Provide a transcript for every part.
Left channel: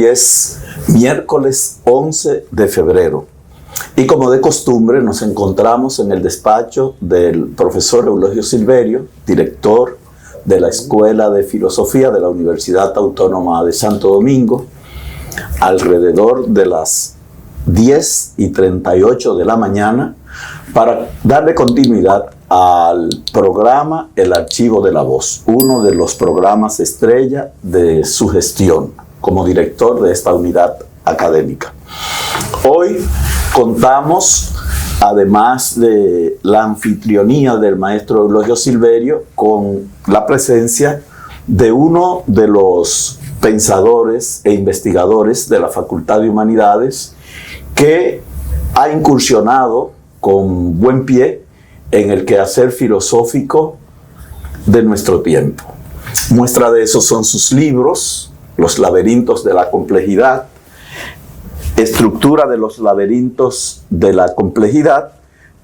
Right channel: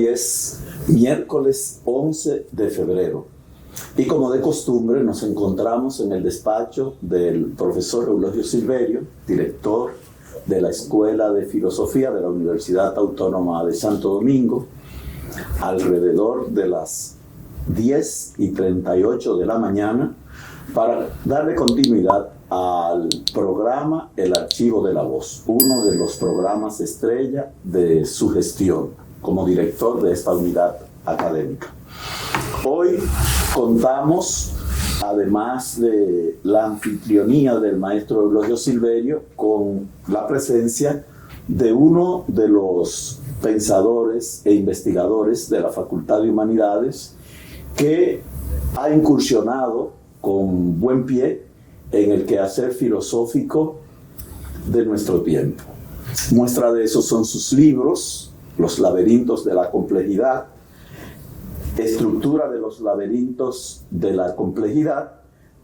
Hoy es miércoles 11 de febrero y como de costumbre nos encontramos en el despacho del profesor Eulogio Silverio, director de la Escuela de Filosofía de la Universidad Autónoma de Santo Domingo, alrededor de las 10:38 de la mañana, para darle continuidad al programa El Archivo de la Voz, uno de los programas estrella de su gestión como director de esta unidad académica. Hoy contamos, además de la anfitrionía del maestro Eulogio Silverio, con la presencia de uno de los pensadores e investigadores de la Facultad de Humanidades que ha incursionado con buen pie en el quehacer filosófico de nuestro tiempo. Muestra de eso son sus libros, Los laberintos de la complejidad, Estructura de los laberintos de la complejidad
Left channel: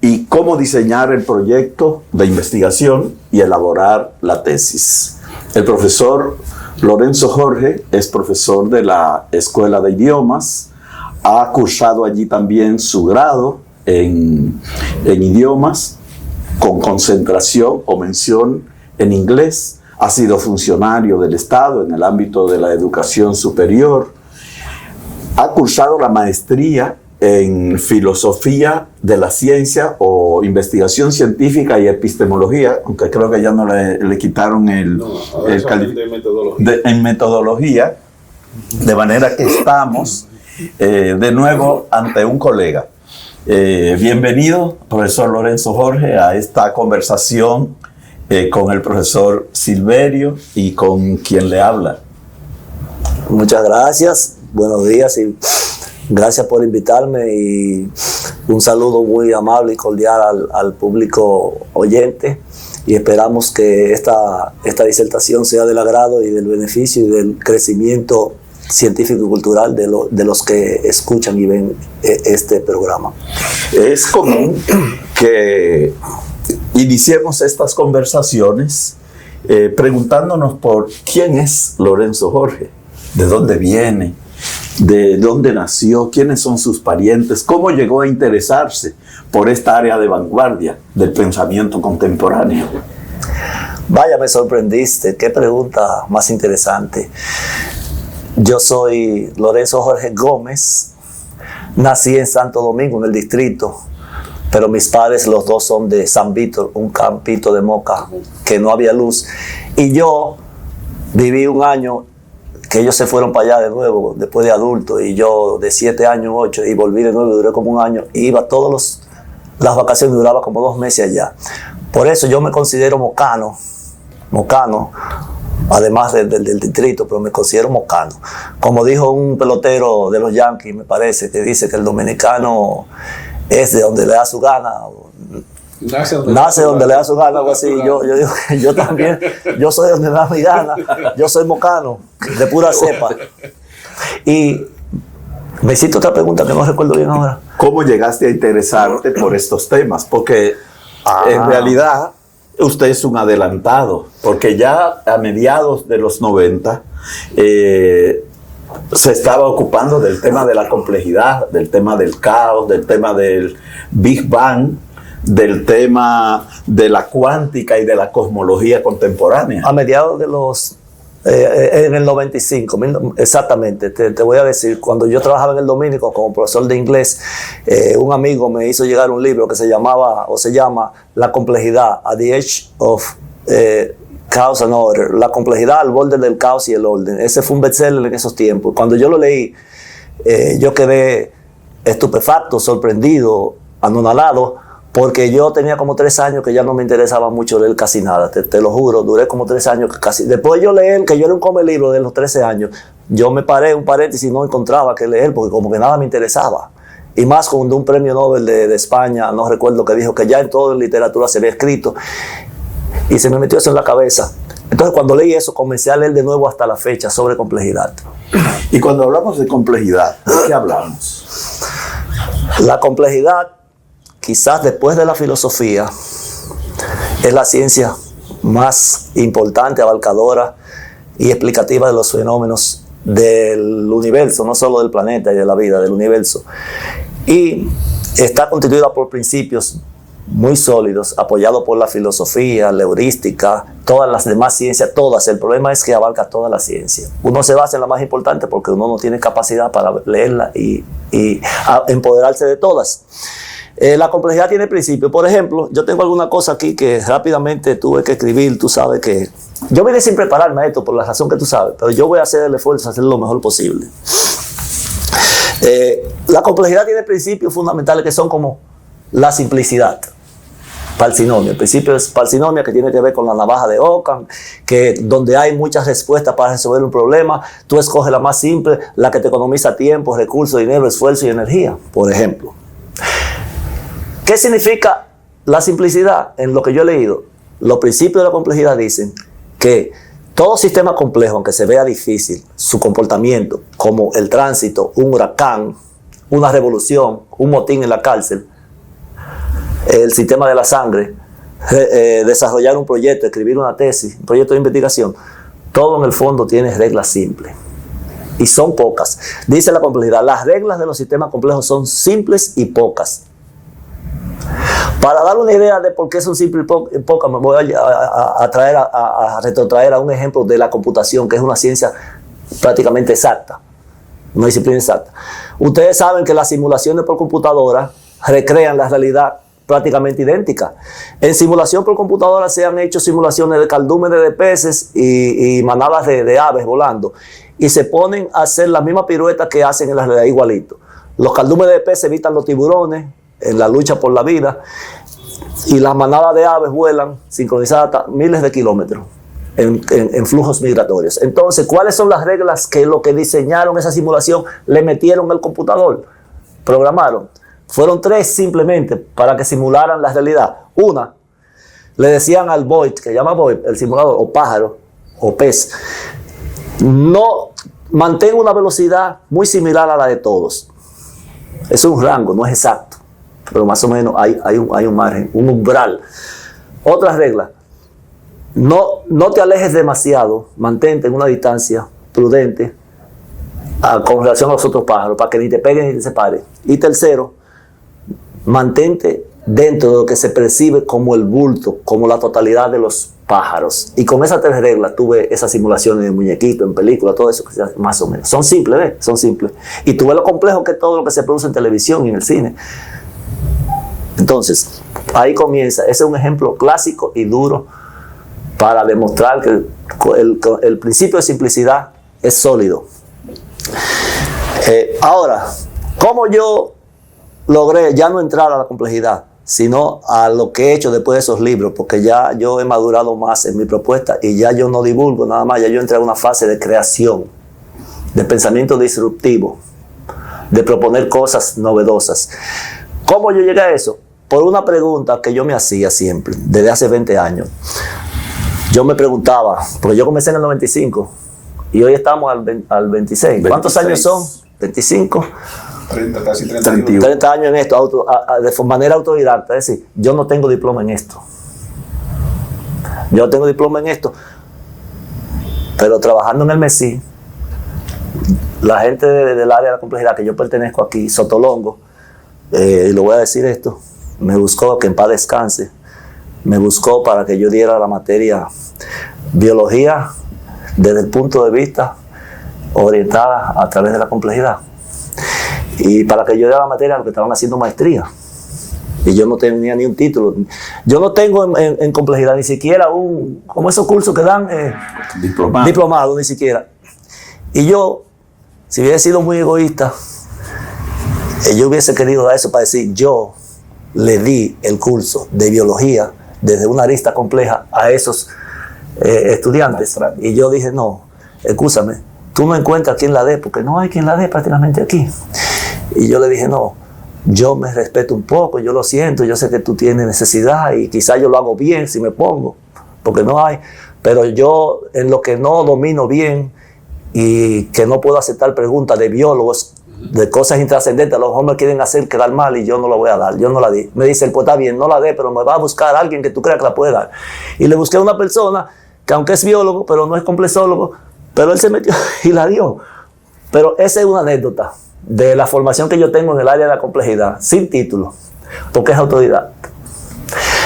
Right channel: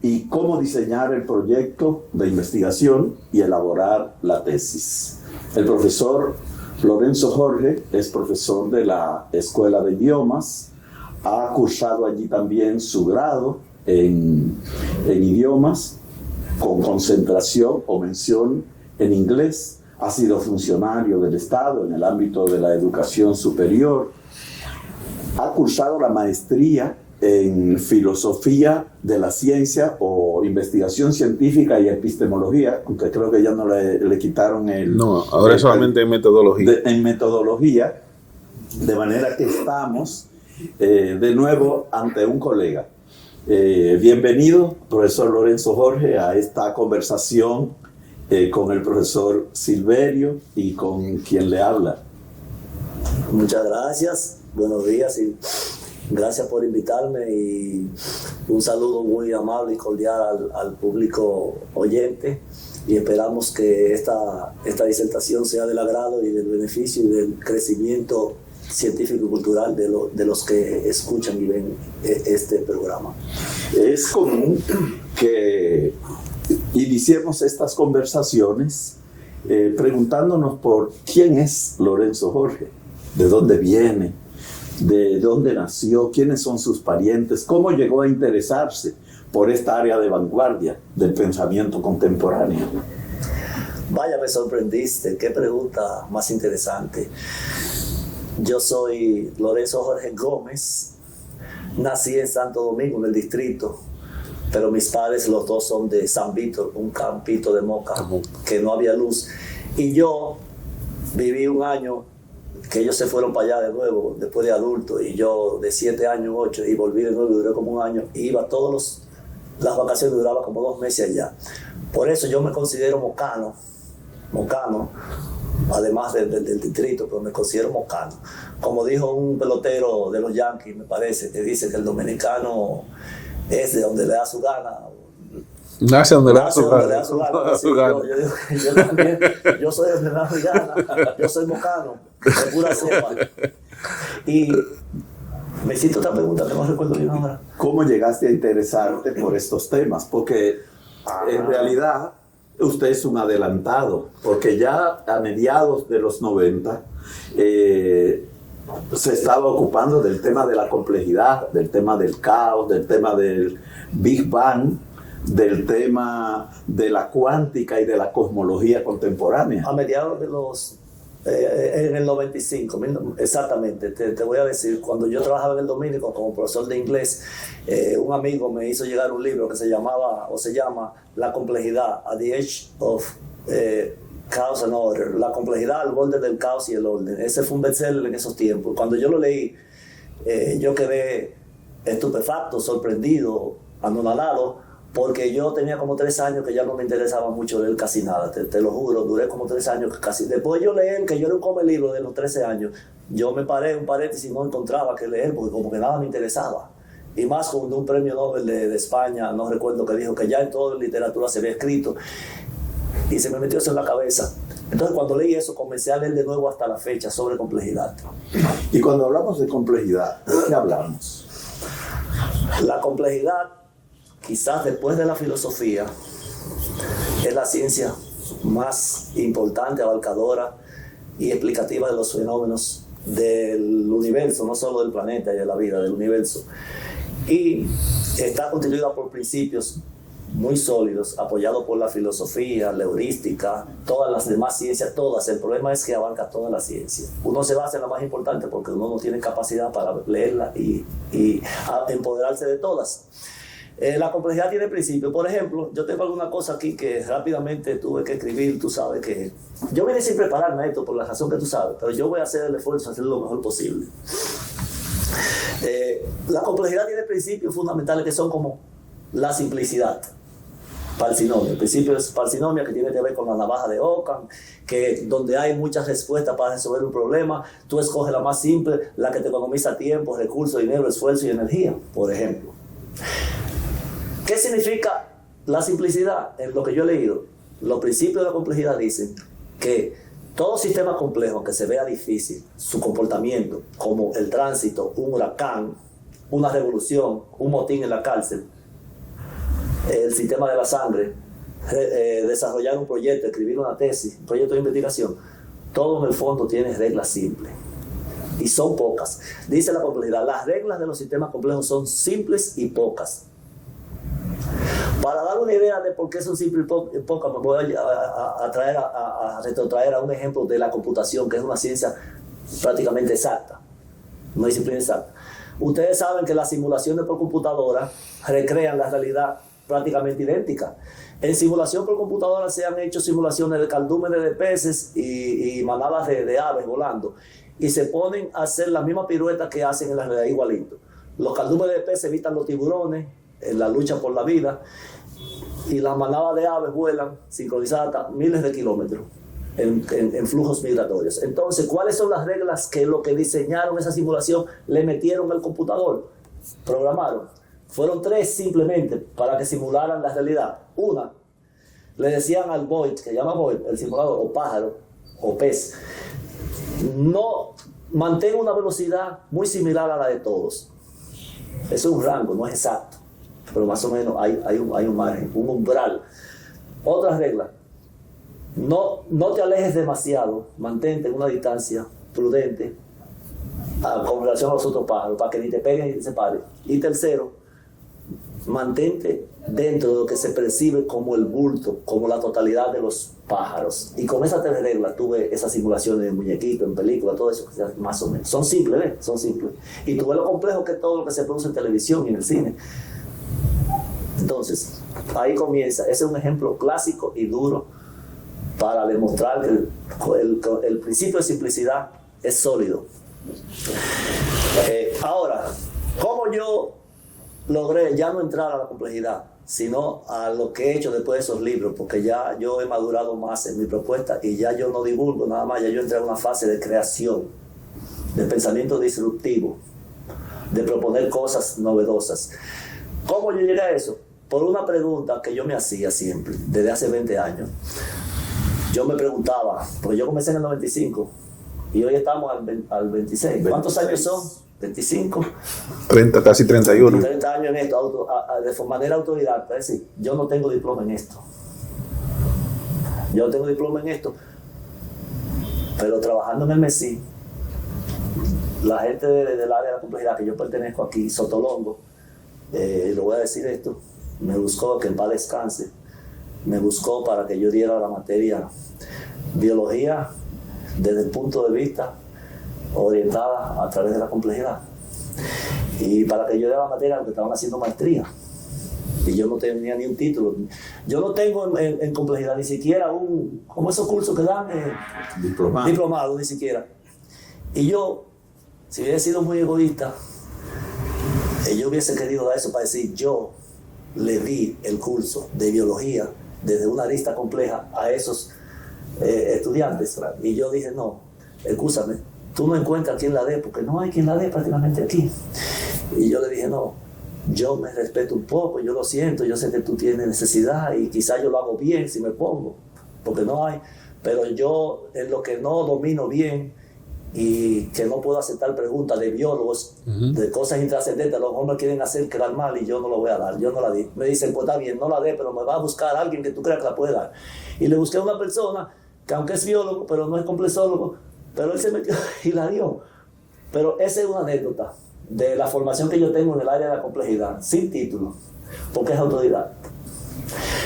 y Cómo diseñar el proyecto de investigación y elaborar la tesis. El profesor Lorenzo Jorge es profesor de la Escuela de Idiomas, ha cursado allí también su grado en idiomas con concentración o mención en inglés, ha sido funcionario del Estado en el ámbito de la educación superior, ha cursado la maestría en filosofía de la ciencia o investigación científica y epistemología, aunque creo que ya no le quitaron el... No, ahora es solamente en metodología. En metodología, de manera que estamos de nuevo ante un colega. Bienvenido, profesor Lorenzo Jorge, a esta conversación con el profesor Silverio y con quien le habla. Muchas gracias, buenos días y gracias por invitarme y un saludo muy amable y cordial al público oyente y esperamos que esta disertación sea del agrado y del beneficio y del crecimiento científico y cultural de los que escuchan y ven este programa. Es común que iniciemos estas conversaciones preguntándonos por quién es Lorenzo Jorge, de dónde viene, de dónde nació, quiénes son sus parientes, cómo llegó a interesarse por esta área de vanguardia del pensamiento contemporáneo. Vaya, me sorprendiste, qué pregunta más interesante. Yo soy Lorenzo Jorge Gómez, nací en Santo Domingo, en el distrito, pero mis padres los dos son de San Víctor, un campito de Moca, que no había luz. Y yo viví un año, que ellos se fueron para allá de nuevo, después de adulto, y yo de 7 años, 8, y volví de nuevo, duré como un año, y iba las vacaciones, duraba como 2 meses allá. Por eso yo me considero mocano, además del distrito, pero me considero mocano. Como dijo un pelotero de los Yankees, me parece, que dice que el dominicano es de donde le da su gana. Nace donde le da su gana, algo así. Yo digo que yo también, yo soy donde me da mi gana. Yo soy mocano, de pura cepa. Y me hiciste otra pregunta que no recuerdo bien ahora. ¿Cómo llegaste a interesarte por estos temas? Porque en realidad usted es un adelantado, porque ya a mediados de los 90 se estaba ocupando del tema de la complejidad, del tema del caos, del tema del Big Bang, del tema de la cuántica y de la cosmología contemporánea. A mediados de los... en el 95, exactamente, te voy a decir, cuando yo trabajaba en el Dominico como profesor de inglés, un amigo me hizo llegar un libro que se llama La complejidad, at the edge of chaos and order, la complejidad al borde del caos y el orden. Ese fue un bestseller en esos tiempos. Cuando yo lo leí, yo quedé estupefacto, sorprendido, anonadado, porque yo tenía como 3 años que ya no me interesaba mucho leer casi nada, te lo juro, duré como 3 años que casi... Después yo leer, que yo era un come libro de los 13 años, yo me paré un paréntesis y no encontraba que leer, porque como que nada me interesaba. Y más cuando un premio Nobel de España, no recuerdo, que dijo que ya en toda literatura se había escrito, y se me metió eso en la cabeza. Entonces cuando leí eso, comencé a leer de nuevo hasta la fecha sobre complejidad. Y cuando hablamos de complejidad, ¿de qué hablamos? La complejidad, quizás después de la filosofía, es la ciencia más importante, abarcadora y explicativa de los fenómenos del universo, no solo del planeta y de la vida, del universo. Y está constituida por principios muy sólidos, apoyados por la filosofía, la heurística, todas las demás ciencias, todas. El problema es que abarca toda la ciencia. Uno se basa en la más importante porque uno no tiene capacidad para leerla y empoderarse de todas. La complejidad tiene principios. Por ejemplo, yo tengo alguna cosa aquí que rápidamente tuve que escribir. Tú sabes que yo vine sin prepararme a esto por la razón que tú sabes, pero yo voy a hacer el esfuerzo de hacerlo lo mejor posible. La complejidad tiene principios fundamentales que son como la simplicidad. Parsinomia. El principio es parsinomia, que tiene que ver con la navaja de Occam, que donde hay muchas respuestas para resolver un problema, tú escoges la más simple, la que te economiza tiempo, recursos, dinero, esfuerzo y energía, por ejemplo. ¿Qué significa la simplicidad? En lo que yo he leído, los principios de la complejidad dicen que todo sistema complejo, aunque se vea difícil, su comportamiento, como el tránsito, un huracán, una revolución, un motín en la cárcel, el sistema de la sangre, desarrollar un proyecto, escribir una tesis, un proyecto de investigación, todo en el fondo tiene reglas simples. Y son pocas. Dice la complejidad, las reglas de los sistemas complejos son simples y pocas. Para dar una idea de por qué son simples y pocas, me voy a retrotraer a un ejemplo de la computación, que es una ciencia prácticamente exacta, una disciplina exacta. Ustedes saben que las simulaciones por computadora recrean la realidad prácticamente idéntica. En simulación por computadora se han hecho simulaciones de cardúmenes de peces y manadas de aves volando, y se ponen a hacer las mismas piruetas que hacen en la realidad igualito. Los cardúmenes de peces evitan los tiburones en la lucha por la vida, y las manadas de aves vuelan sincronizadas hasta miles de kilómetros en flujos migratorios. Entonces, ¿cuáles son las reglas que lo que diseñaron esa simulación le metieron al computador? Programaron. Fueron 3 simplemente para que simularan la realidad. Una, le decían al Void, que llama Void, el simulador, o pájaro, o pez, no mantenga una velocidad muy similar a la de todos. Es un rango, no es exacto, pero más o menos hay un margen, un umbral. Otra regla, no te alejes demasiado, mantente en una distancia prudente con relación a los otros pájaros, para que ni te peguen ni te separen. Y tercero, mantente dentro de lo que se percibe como el bulto, como la totalidad de los pájaros. Y con esas 3 reglas tuve esas simulaciones de muñequito, en película, todo eso, más o menos. Son simples, ¿ves? Son simples. Y tuve lo complejo que es todo lo que se produce en televisión y en el cine. Entonces, ahí comienza. Ese es un ejemplo clásico y duro para demostrar que el principio de simplicidad es sólido. Ahora, ¿cómo yo logré ya no entrar a la complejidad, sino a lo que he hecho después de esos libros? Porque ya yo he madurado más en mi propuesta y ya yo no divulgo nada más, ya yo entré a una fase de creación, de pensamiento disruptivo, de proponer cosas novedosas. ¿Cómo yo llegué a eso? Por una pregunta que yo me hacía siempre, desde hace 20 años. Yo me preguntaba, porque yo comencé en el 95 y hoy estamos al 26. ¿Cuántos años son? 25. 30, casi 31. 30 años en esto, de manera autodidacta. Es decir, yo no tengo diploma en esto. Yo no tengo diploma en esto. Pero trabajando en el MESI, la gente del área de la complejidad que yo pertenezco aquí, Sotolongo, y lo voy a decir esto, me buscó, que en paz descanse, me buscó para que yo diera la materia biología desde el punto de vista orientada a través de la complejidad, y para que yo diera la materia a los que estaban haciendo maestría, y yo no tenía ni un título. Yo no tengo en complejidad ni siquiera como esos cursos que dan diplomado, ni siquiera. Y yo, si hubiera sido muy egoísta, yo hubiese querido dar eso para decir, yo le di el curso de biología desde una arista compleja a esos estudiantes. Y yo dije, no, escúchame, tú no encuentras quien la dé, porque no hay quien la dé prácticamente aquí. Y yo le dije, no, yo me respeto un poco, yo lo siento, yo sé que tú tienes necesidad y quizás yo lo hago bien si me pongo, porque no hay, pero yo en lo que no domino bien y que no puedo aceptar preguntas de biólogos, de cosas intrascendentes, los hombres quieren hacer quedar mal y yo no lo voy a dar, yo no la di. Me dicen, pues está bien, no la dé, pero me va a buscar a alguien que tú creas que la puede dar. Y le busqué a una persona que aunque es biólogo, pero no es complexólogo, pero él se metió y la dio. Pero esa es una anécdota de la formación que yo tengo en el área de la complejidad, sin título, porque es autodidacta.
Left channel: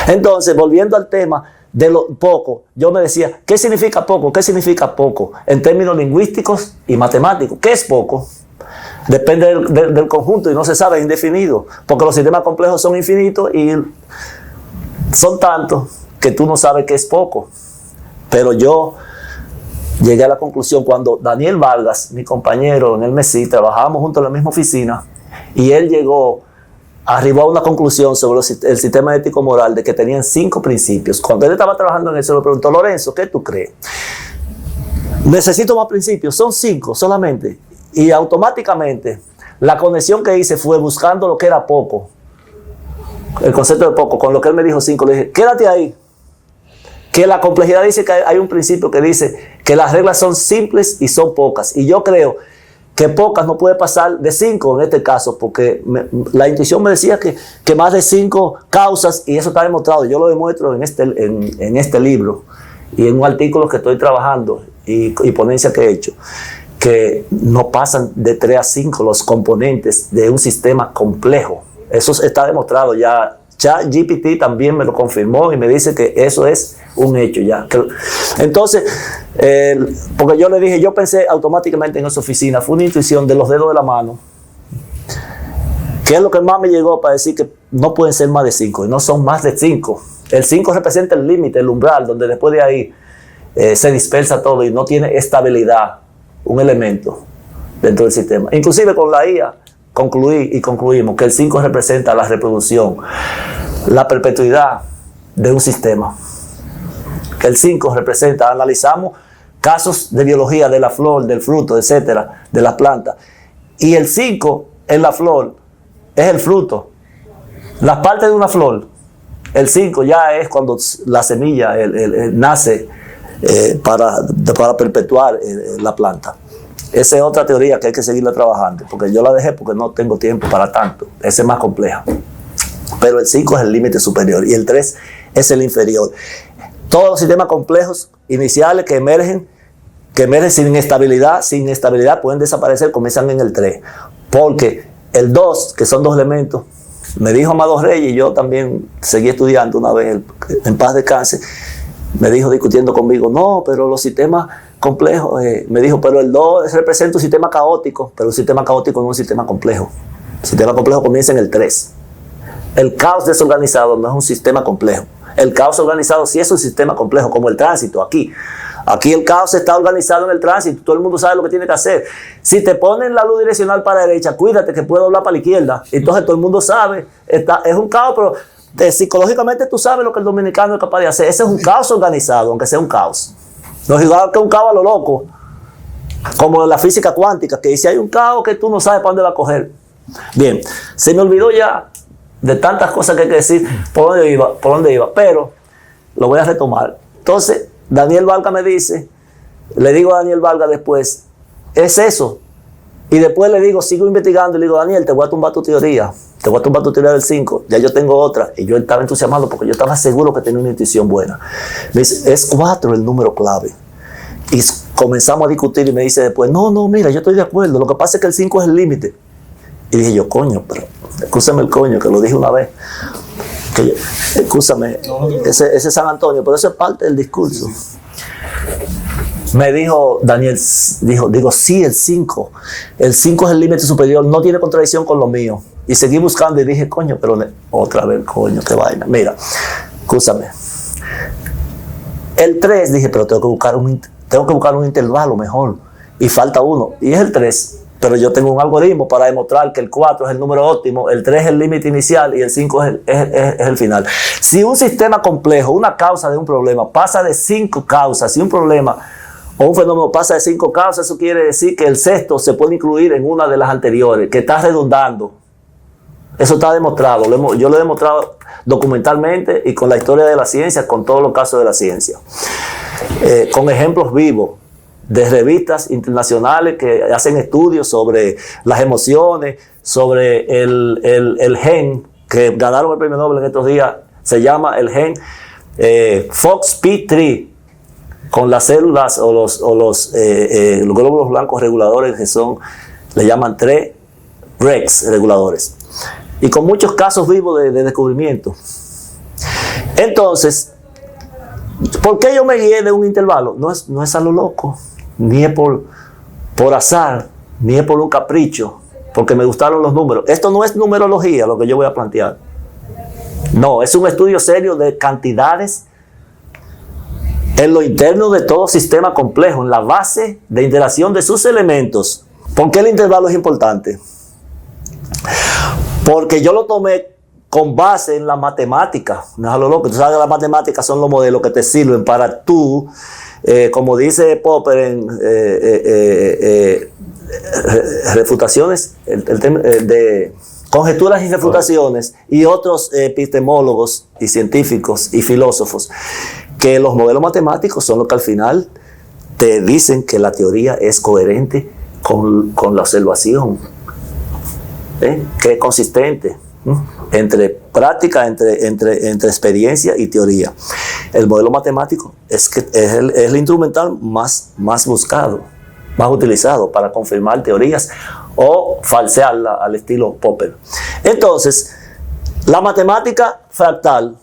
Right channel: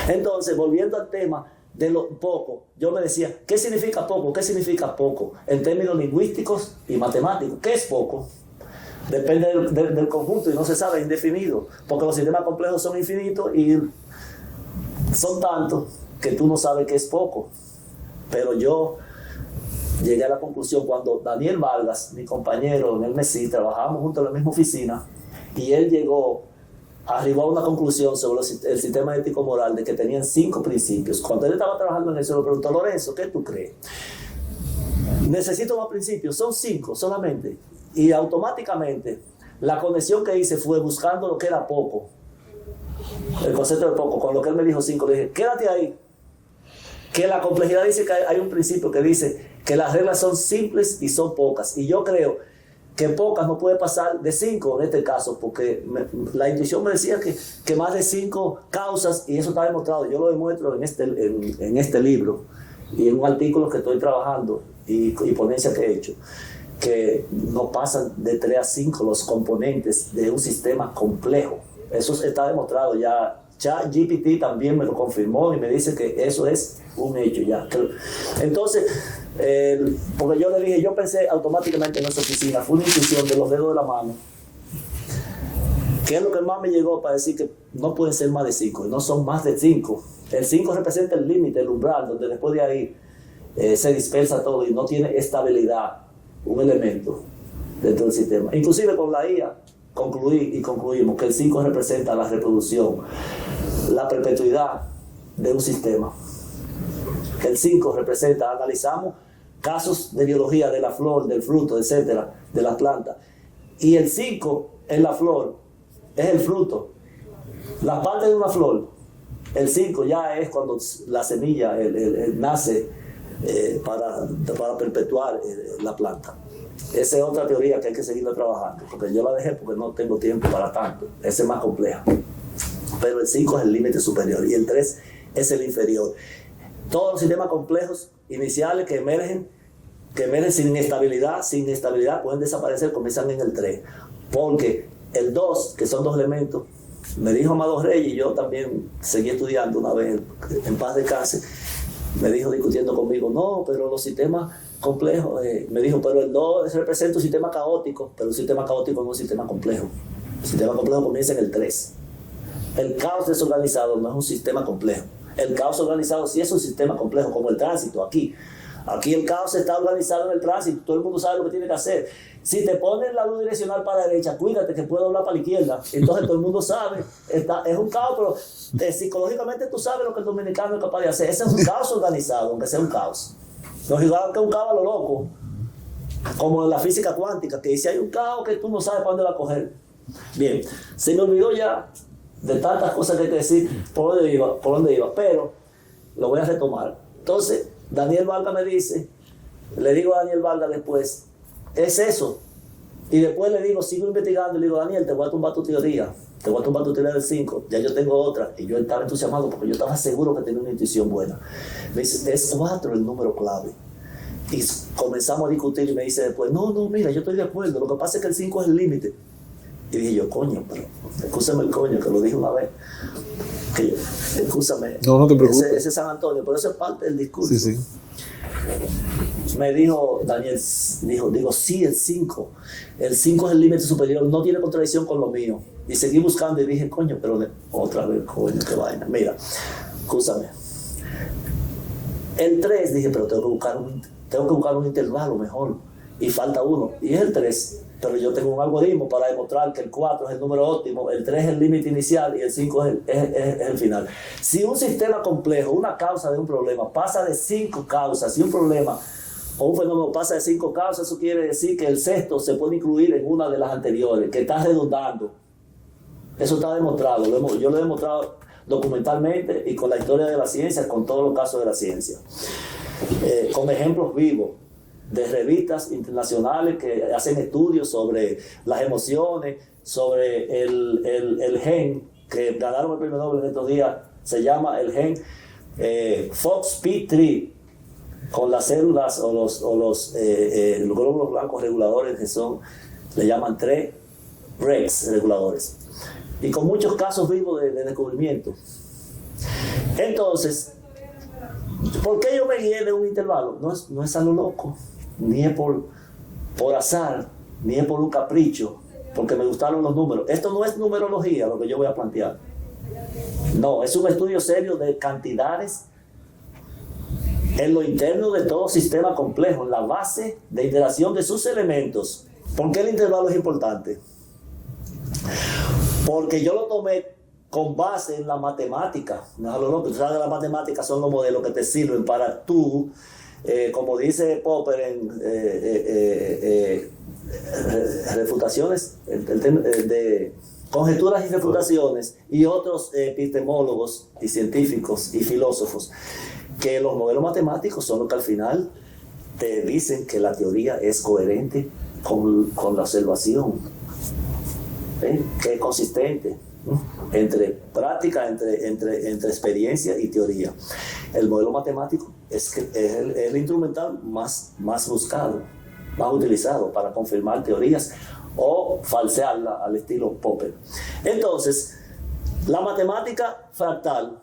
Entonces, volviendo al tema de lo poco, yo me decía, ¿qué significa poco? ¿Qué significa poco? En términos lingüísticos y matemáticos, ¿qué es poco? Depende del conjunto y no se sabe, es indefinido, porque los sistemas complejos son infinitos y son tantos que tú no sabes qué es poco. Pero yo llegué a la conclusión cuando Daniel Vargas, mi compañero en el MESI, trabajábamos juntos en la misma oficina y él arribó a una conclusión sobre el sistema ético-moral de que tenían 5 principios. Cuando él estaba trabajando en eso, le preguntó, Lorenzo, ¿qué tú crees? Necesito más principios, son 5 solamente. Y automáticamente la conexión que hice fue buscando lo que era poco, el concepto de poco, con lo que él me dijo 5, le dije, quédate ahí. Que la complejidad dice que hay un principio que dice que las reglas son simples y son pocas. Y yo creo que pocas no puede pasar de 5 en este caso, porque la intuición me decía que más de 5 causas, y eso está demostrado, yo lo demuestro en este libro y en un artículo que estoy trabajando y ponencia que he hecho, que no pasan de 3 a 5 los componentes de un sistema complejo. Eso está demostrado ya. ChatGPT también me lo confirmó y me dice que eso es un hecho ya. Entonces, porque yo le dije, yo pensé automáticamente en esa oficina, fue una intuición de los dedos de la mano, que es lo que más me llegó para decir que no pueden ser más de 5, y no son más de 5. El 5 representa el límite, el umbral, donde después de ahí se dispersa todo y no tiene estabilidad un elemento dentro del sistema. Inclusive con la IA concluimos que el 5 representa la reproducción, la perpetuidad de un sistema. Que el 5 representa, analizamos casos de biología de la flor, del fruto, etcétera, de las plantas. Y el 5 en la flor es el fruto. Las partes de una flor, el 5 ya es cuando la semilla nace para perpetuar la planta. Esa es otra teoría que hay que seguirla trabajando, porque yo la dejé porque no tengo tiempo para tanto. Esa es más compleja. Pero el 5 es el límite superior y el 3 es el inferior. Todos los sistemas complejos iniciales que emergen sin estabilidad pueden desaparecer, comienzan en el 3. Porque el 2, que son 2 elementos, me dijo Amado Reyes, y yo también seguí estudiando una vez, en paz descanse, me dijo discutiendo conmigo, no, pero los sistemas complejos, me dijo, pero el 2 representa un sistema caótico, pero un sistema caótico no es un sistema complejo. El sistema complejo comienza en el 3. El caos desorganizado no es un sistema complejo. El caos organizado sí es un sistema complejo, como el tránsito aquí. Aquí el caos está organizado en el tránsito, todo el mundo sabe lo que tiene que hacer. Si te ponen la luz direccional para la derecha, cuídate que puede doblar para la izquierda. Entonces todo el mundo sabe, es un caos, pero psicológicamente tú sabes lo que el dominicano es capaz de hacer. Ese es un caos organizado, aunque sea un caos. No es igual que un caos a lo loco, como en la física cuántica, que dice hay un caos que tú no sabes para dónde va a coger. Bien, se me olvidó ya de tantas cosas que hay que decir por dónde iba, pero lo voy a retomar. Entonces, Daniel Vargas me dice, le digo a Daniel Vargas después, es eso. Y después le digo, sigo investigando y le digo, Daniel, te voy a tumbar tu teoría. Te voy a tumbar tu teoría del 5. Ya yo tengo otra. Y yo estaba entusiasmado porque yo estaba seguro que tenía una intuición buena. Me dice, es 4 el número clave. Y comenzamos a discutir y me dice después, no, mira, yo estoy de acuerdo. Lo que pasa es que el 5 es el límite. Y dije yo, coño, pero escúchame el coño, que lo dije una vez. Escúchame, no ese es San Antonio, pero eso es parte del discurso. Sí. Me dijo Daniel, digo, sí, el 5. El 5 es el límite superior, no tiene contradicción con lo mío. Y seguí buscando y dije, coño, pero otra vez, coño, qué vaina. Mira, escúchame. El 3, dije, pero tengo que buscar un intervalo mejor. Y falta uno, y es el 3. Pero yo tengo un algoritmo para demostrar que el 4 es el número óptimo, el 3 es el límite inicial y el 5 es el final. Si un sistema complejo, una causa de un problema, pasa de 5 causas, si un problema o un fenómeno pasa de 5 causas, eso quiere decir que el sexto se puede incluir en una de las anteriores, que está redundando. Eso está demostrado. Yo lo he demostrado documentalmente y con la historia de la ciencia, con todos los casos de la ciencia. Con ejemplos vivos de revistas internacionales que hacen estudios sobre las emociones, sobre el gen, que ganaron el premio Nobel en estos días, se llama el gen FOXP3. con las células o los glóbulos blancos reguladores que son, le llaman TREX reguladores. Y con muchos casos vivos de descubrimiento. Entonces, ¿por qué yo me guié de un intervalo? No es a lo loco, ni es por azar, ni es por un capricho, porque me gustaron los números. Esto no es numerología lo que yo voy a plantear. No, es un estudio serio de cantidades en lo interno de todo sistema complejo, en la base de interacción de sus elementos. ¿Por qué el intervalo es importante? Porque yo lo tomé con base en la matemática. No es a lo loco. Tú sabes que las matemáticas son los modelos que te sirven para tú, como dice Popper en refutaciones, de conjeturas y refutaciones, y otros epistemólogos y científicos y filósofos, que los modelos matemáticos son los que al final te dicen que la teoría es coherente con la observación, que es consistente entre práctica, entre experiencia y teoría. El modelo matemático es el instrumental más buscado, más utilizado para confirmar teorías o falsearla al estilo Popper. Entonces, la matemática fractal,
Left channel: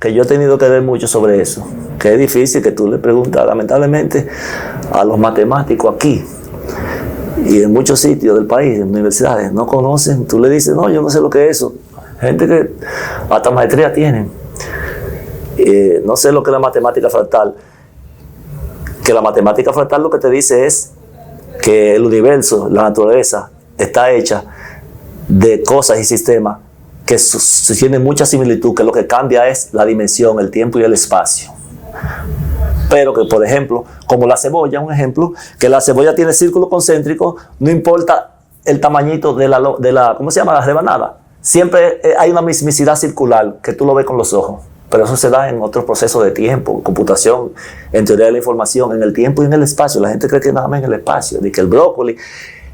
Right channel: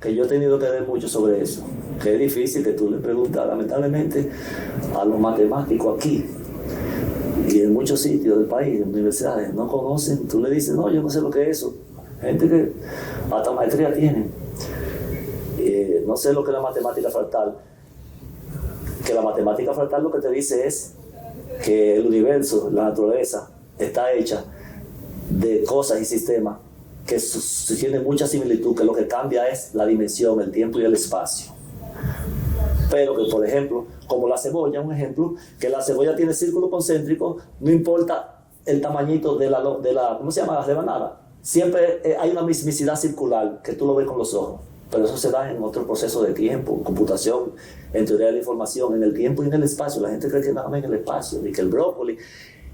que yo he tenido que ver mucho sobre eso, que es difícil, que tú le preguntas lamentablemente a los matemáticos aquí y en muchos sitios del país, en universidades, no conocen. Tú le dices, no, yo no sé lo que es eso. Gente que hasta maestría tienen. No sé lo que es la matemática fractal. Que la matemática fractal lo que te dice es que el universo, la naturaleza, está hecha de cosas y sistemas que tienen mucha similitud, que lo que cambia es la dimensión, el tiempo y el espacio. Pero que, por ejemplo, como la cebolla, un ejemplo, que la cebolla tiene círculo concéntrico, no importa el tamañito de la ¿cómo se llama? La rebanada. Siempre hay una mismicidad circular que tú lo ves con los ojos. Pero eso se da en otros procesos de tiempo, computación, en teoría de la información, en el tiempo y en el espacio. La gente cree que nada más en el espacio, de que el brócoli,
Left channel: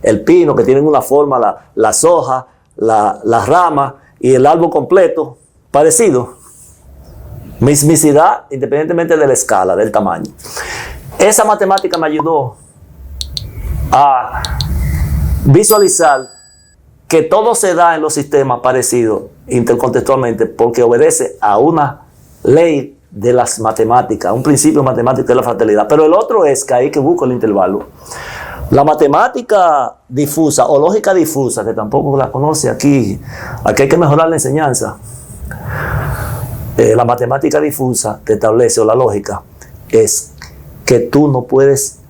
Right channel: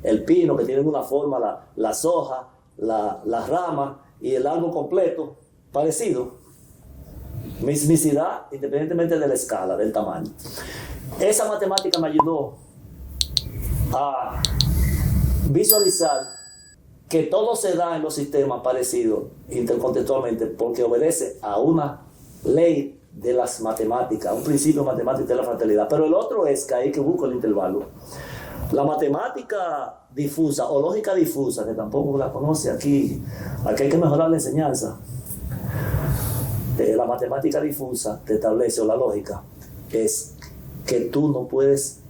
el pino, que tienen una forma, las hojas, las ramas y el árbol completo, parecido. Mismicidad independientemente de la escala, del tamaño. Esa matemática me ayudó a visualizar que todo se da en los sistemas parecidos intercontextualmente porque obedece a una ley de las matemáticas, un principio matemático de la fractalidad. Pero el otro es que ahí que busco el intervalo. La matemática difusa o lógica difusa, que tampoco la conoce aquí hay que mejorar la enseñanza. La matemática difusa te establece, o la lógica, es que tú no puedes,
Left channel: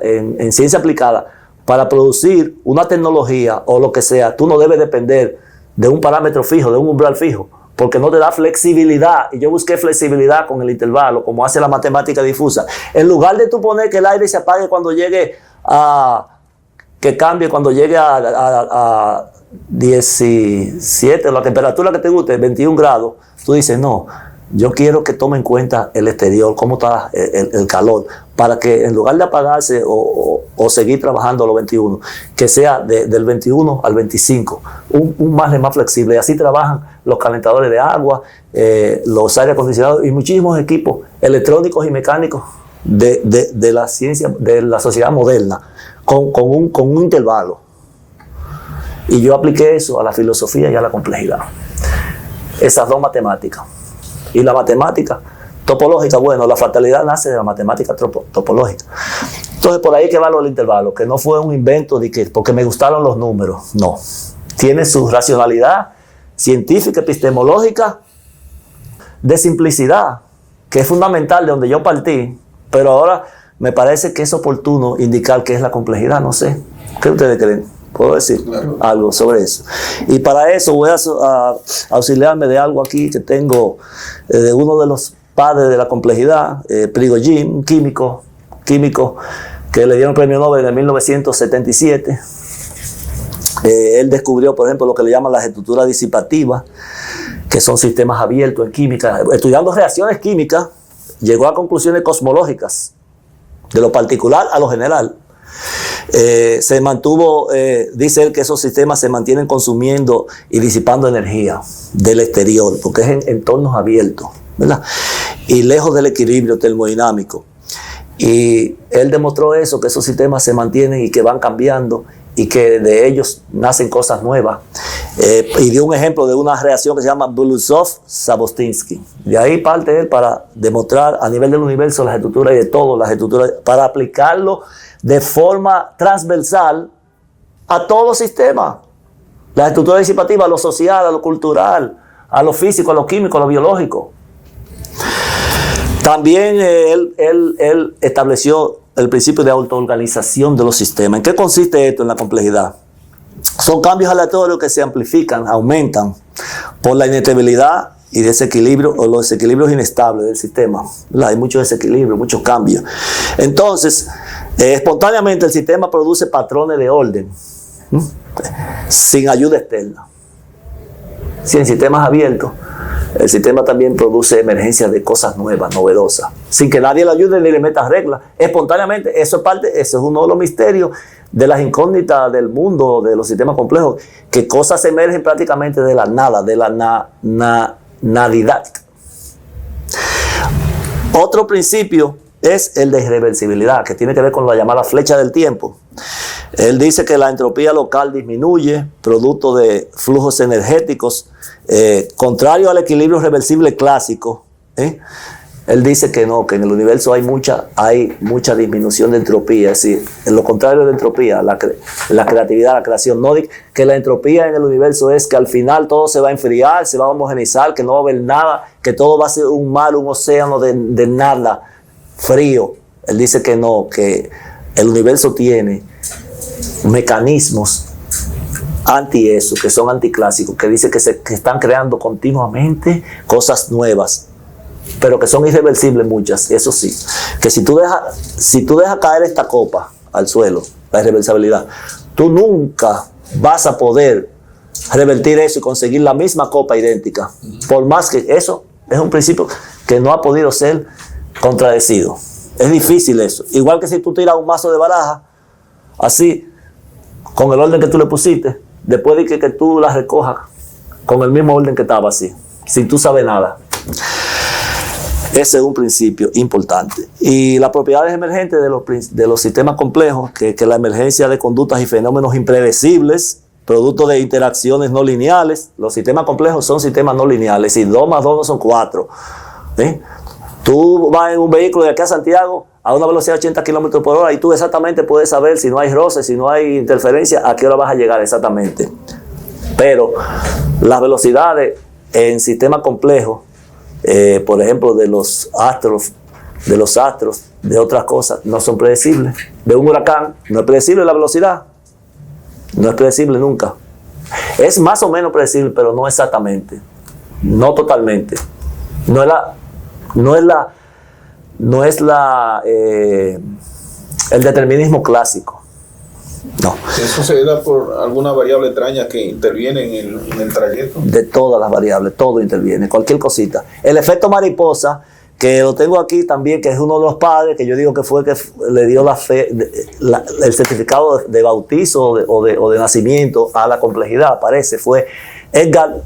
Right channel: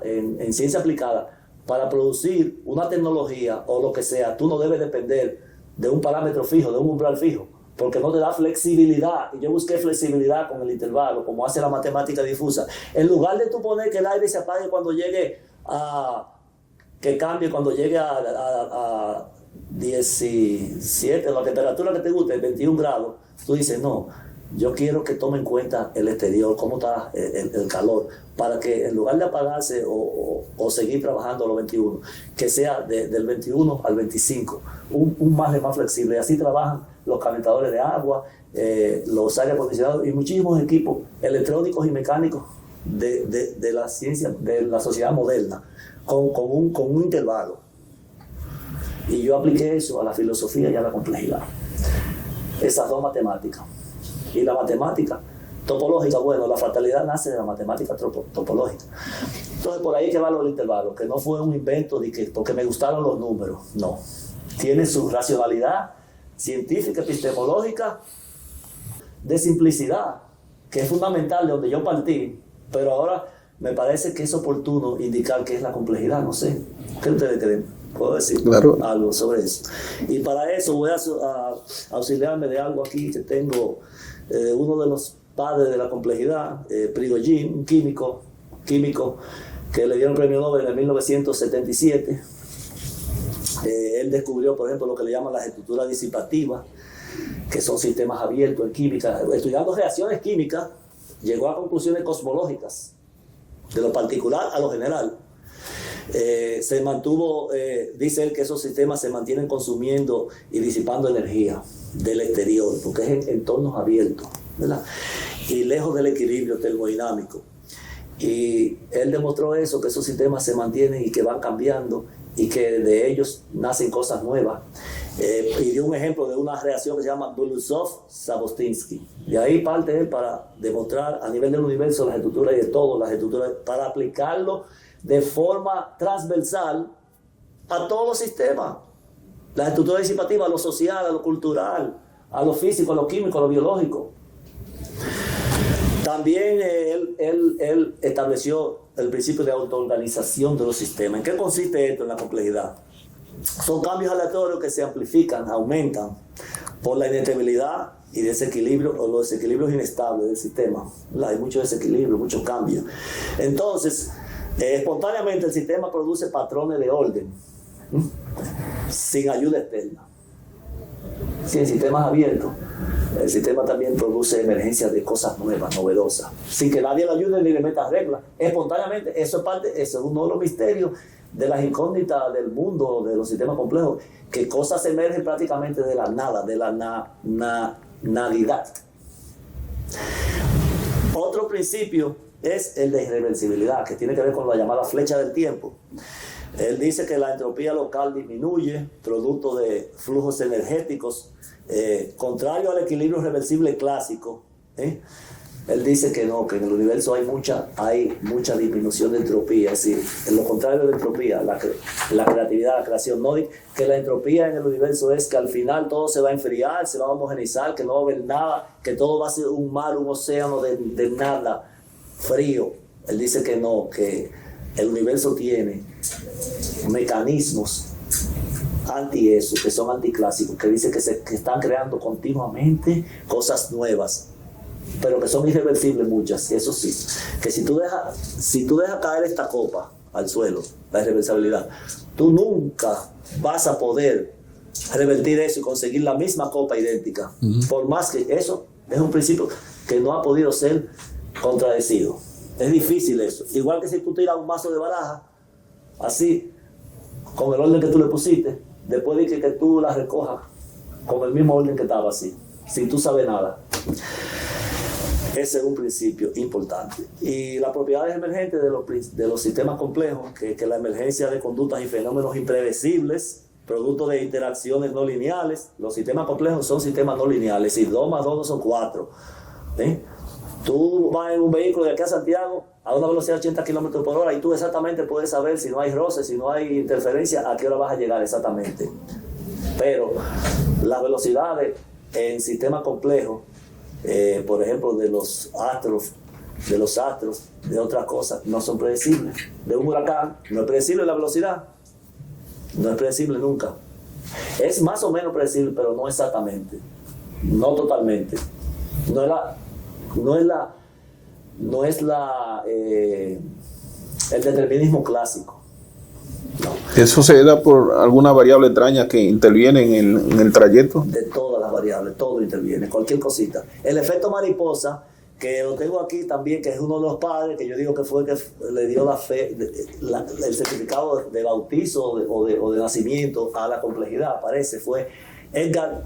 en ciencia aplicada, para producir una tecnología o lo que sea, tú no debes depender de un parámetro fijo, de un umbral fijo, porque no te da flexibilidad. Y yo busqué flexibilidad con el intervalo, como hace la matemática difusa. En lugar de tú poner que el aire se apague cuando llegue que cambie cuando llegue a 17, la temperatura que te guste, 21 grados, tú dices, no, yo quiero que tome en cuenta el exterior, cómo está el calor, para que en lugar de apagarse o seguir trabajando a los 21, que sea del 21 al 25, un margen más flexible. Y así trabajan los calentadores de agua, los aire acondicionados y muchísimos equipos electrónicos y mecánicos de la ciencia, de la sociedad moderna, con un intervalo. Y yo apliqué eso a la filosofía y a la complejidad. Esas dos matemáticas. Y la matemática topológica, bueno, la fractalidad nace de la matemática topológica. Entonces, por ahí que va lo del intervalo, que no fue un invento de que porque me gustaron los números. No. Tiene su racionalidad científica, epistemológica, de simplicidad, que es fundamental de donde yo partí. Pero ahora me parece que es oportuno indicar qué es la complejidad. No sé. ¿Qué ustedes creen? ¿Puedo decir algo sobre eso? Y para eso voy a auxiliarme de algo aquí que tengo de uno de los padres de la complejidad, Prigogine, un químico que le dieron el premio Nobel en 1977. Él descubrió, por ejemplo, lo que le llaman las estructuras disipativas, que son sistemas abiertos en química. Estudiando reacciones químicas, llegó a conclusiones cosmológicas, de lo particular a lo general. Se mantuvo, dice él, que esos sistemas se mantienen consumiendo y disipando energía del exterior, porque es en entornos abiertos, ¿verdad? y lejos del equilibrio termodinámico. Y él demostró eso, que esos sistemas se mantienen y que van cambiando y que de ellos nacen cosas nuevas. Y dio un ejemplo de una reacción que se llama Belousov-Sabotinsky. De ahí parte él para demostrar a nivel del universo las estructuras y de todo, las estructuras, para aplicarlo de forma transversal a todos los sistemas. Las estructuras disipativas, a lo social, a lo cultural, a lo físico, a lo químico, a lo biológico. También él estableció el principio de autoorganización de los sistemas. ¿En qué consiste esto en la complejidad? Son cambios aleatorios que se amplifican, aumentan por la inestabilidad y desequilibrio o los desequilibrios inestables del sistema. Hay mucho desequilibrio, muchos cambios. Entonces, espontáneamente el sistema produce patrones de orden, sin ayuda externa. Si en sistemas abiertos, el sistema también produce emergencias de cosas nuevas, novedosas, sin que nadie le ayude ni le meta reglas. Espontáneamente, eso es uno de los misterios de las incógnitas del mundo, de los sistemas complejos, que cosas emergen prácticamente de la nada, de la nadidad. Otro principio es el de irreversibilidad, que tiene que ver con la llamada flecha del tiempo. Él dice que la entropía local disminuye, producto de flujos energéticos, contrario al equilibrio reversible clásico. Él dice que no, que en el universo hay mucha disminución de entropía, es decir, en lo contrario de la entropía, la creatividad, la creación. No que la entropía en el universo es que al final todo se va a enfriar, se va a homogeneizar, que no va a haber nada, que todo va a ser un mar, un océano de nada, frío. Él dice que no, que el universo tiene mecanismos anti eso, que son anticlásicos, que dice que están creando continuamente cosas nuevas, pero que son irreversibles muchas. Eso sí, que si tú dejas caer esta copa al suelo, la irreversibilidad, tú nunca vas a poder revertir eso y conseguir la misma copa idéntica. Por más que eso es un principio que no ha podido ser contradecido. Es difícil eso. Igual que si tú tiras un mazo de baraja, así, con el orden que tú le pusiste, después de que tú la recojas con el mismo orden que estaba así, sin tú saber nada. Ese es un principio importante. Y las propiedades emergentes de los sistemas complejos, que la emergencia de conductas y fenómenos impredecibles, producto de interacciones no lineales. Los sistemas complejos son sistemas no lineales, y 2 más 2 no son 4. Tú vas en un vehículo de aquí a Santiago a una velocidad de 80 kilómetros por hora y tú exactamente puedes saber, si no hay roce, si no hay interferencia, a qué hora vas a llegar exactamente. Pero las velocidades en sistemas complejos, por ejemplo, de los astros, de otras cosas, no son predecibles. De un huracán, no es predecible la velocidad. No es predecible nunca. Es más o menos predecible, pero no exactamente. No totalmente. No es el determinismo clásico. No. ¿Eso se da por alguna variable extraña que interviene en el trayecto? De todas las variables, todo interviene, cualquier cosita. El efecto mariposa, que lo tengo aquí también, que es uno de los padres, que yo digo que fue el que le dio el certificado de bautizo o de nacimiento a la complejidad, parece, fue Edgar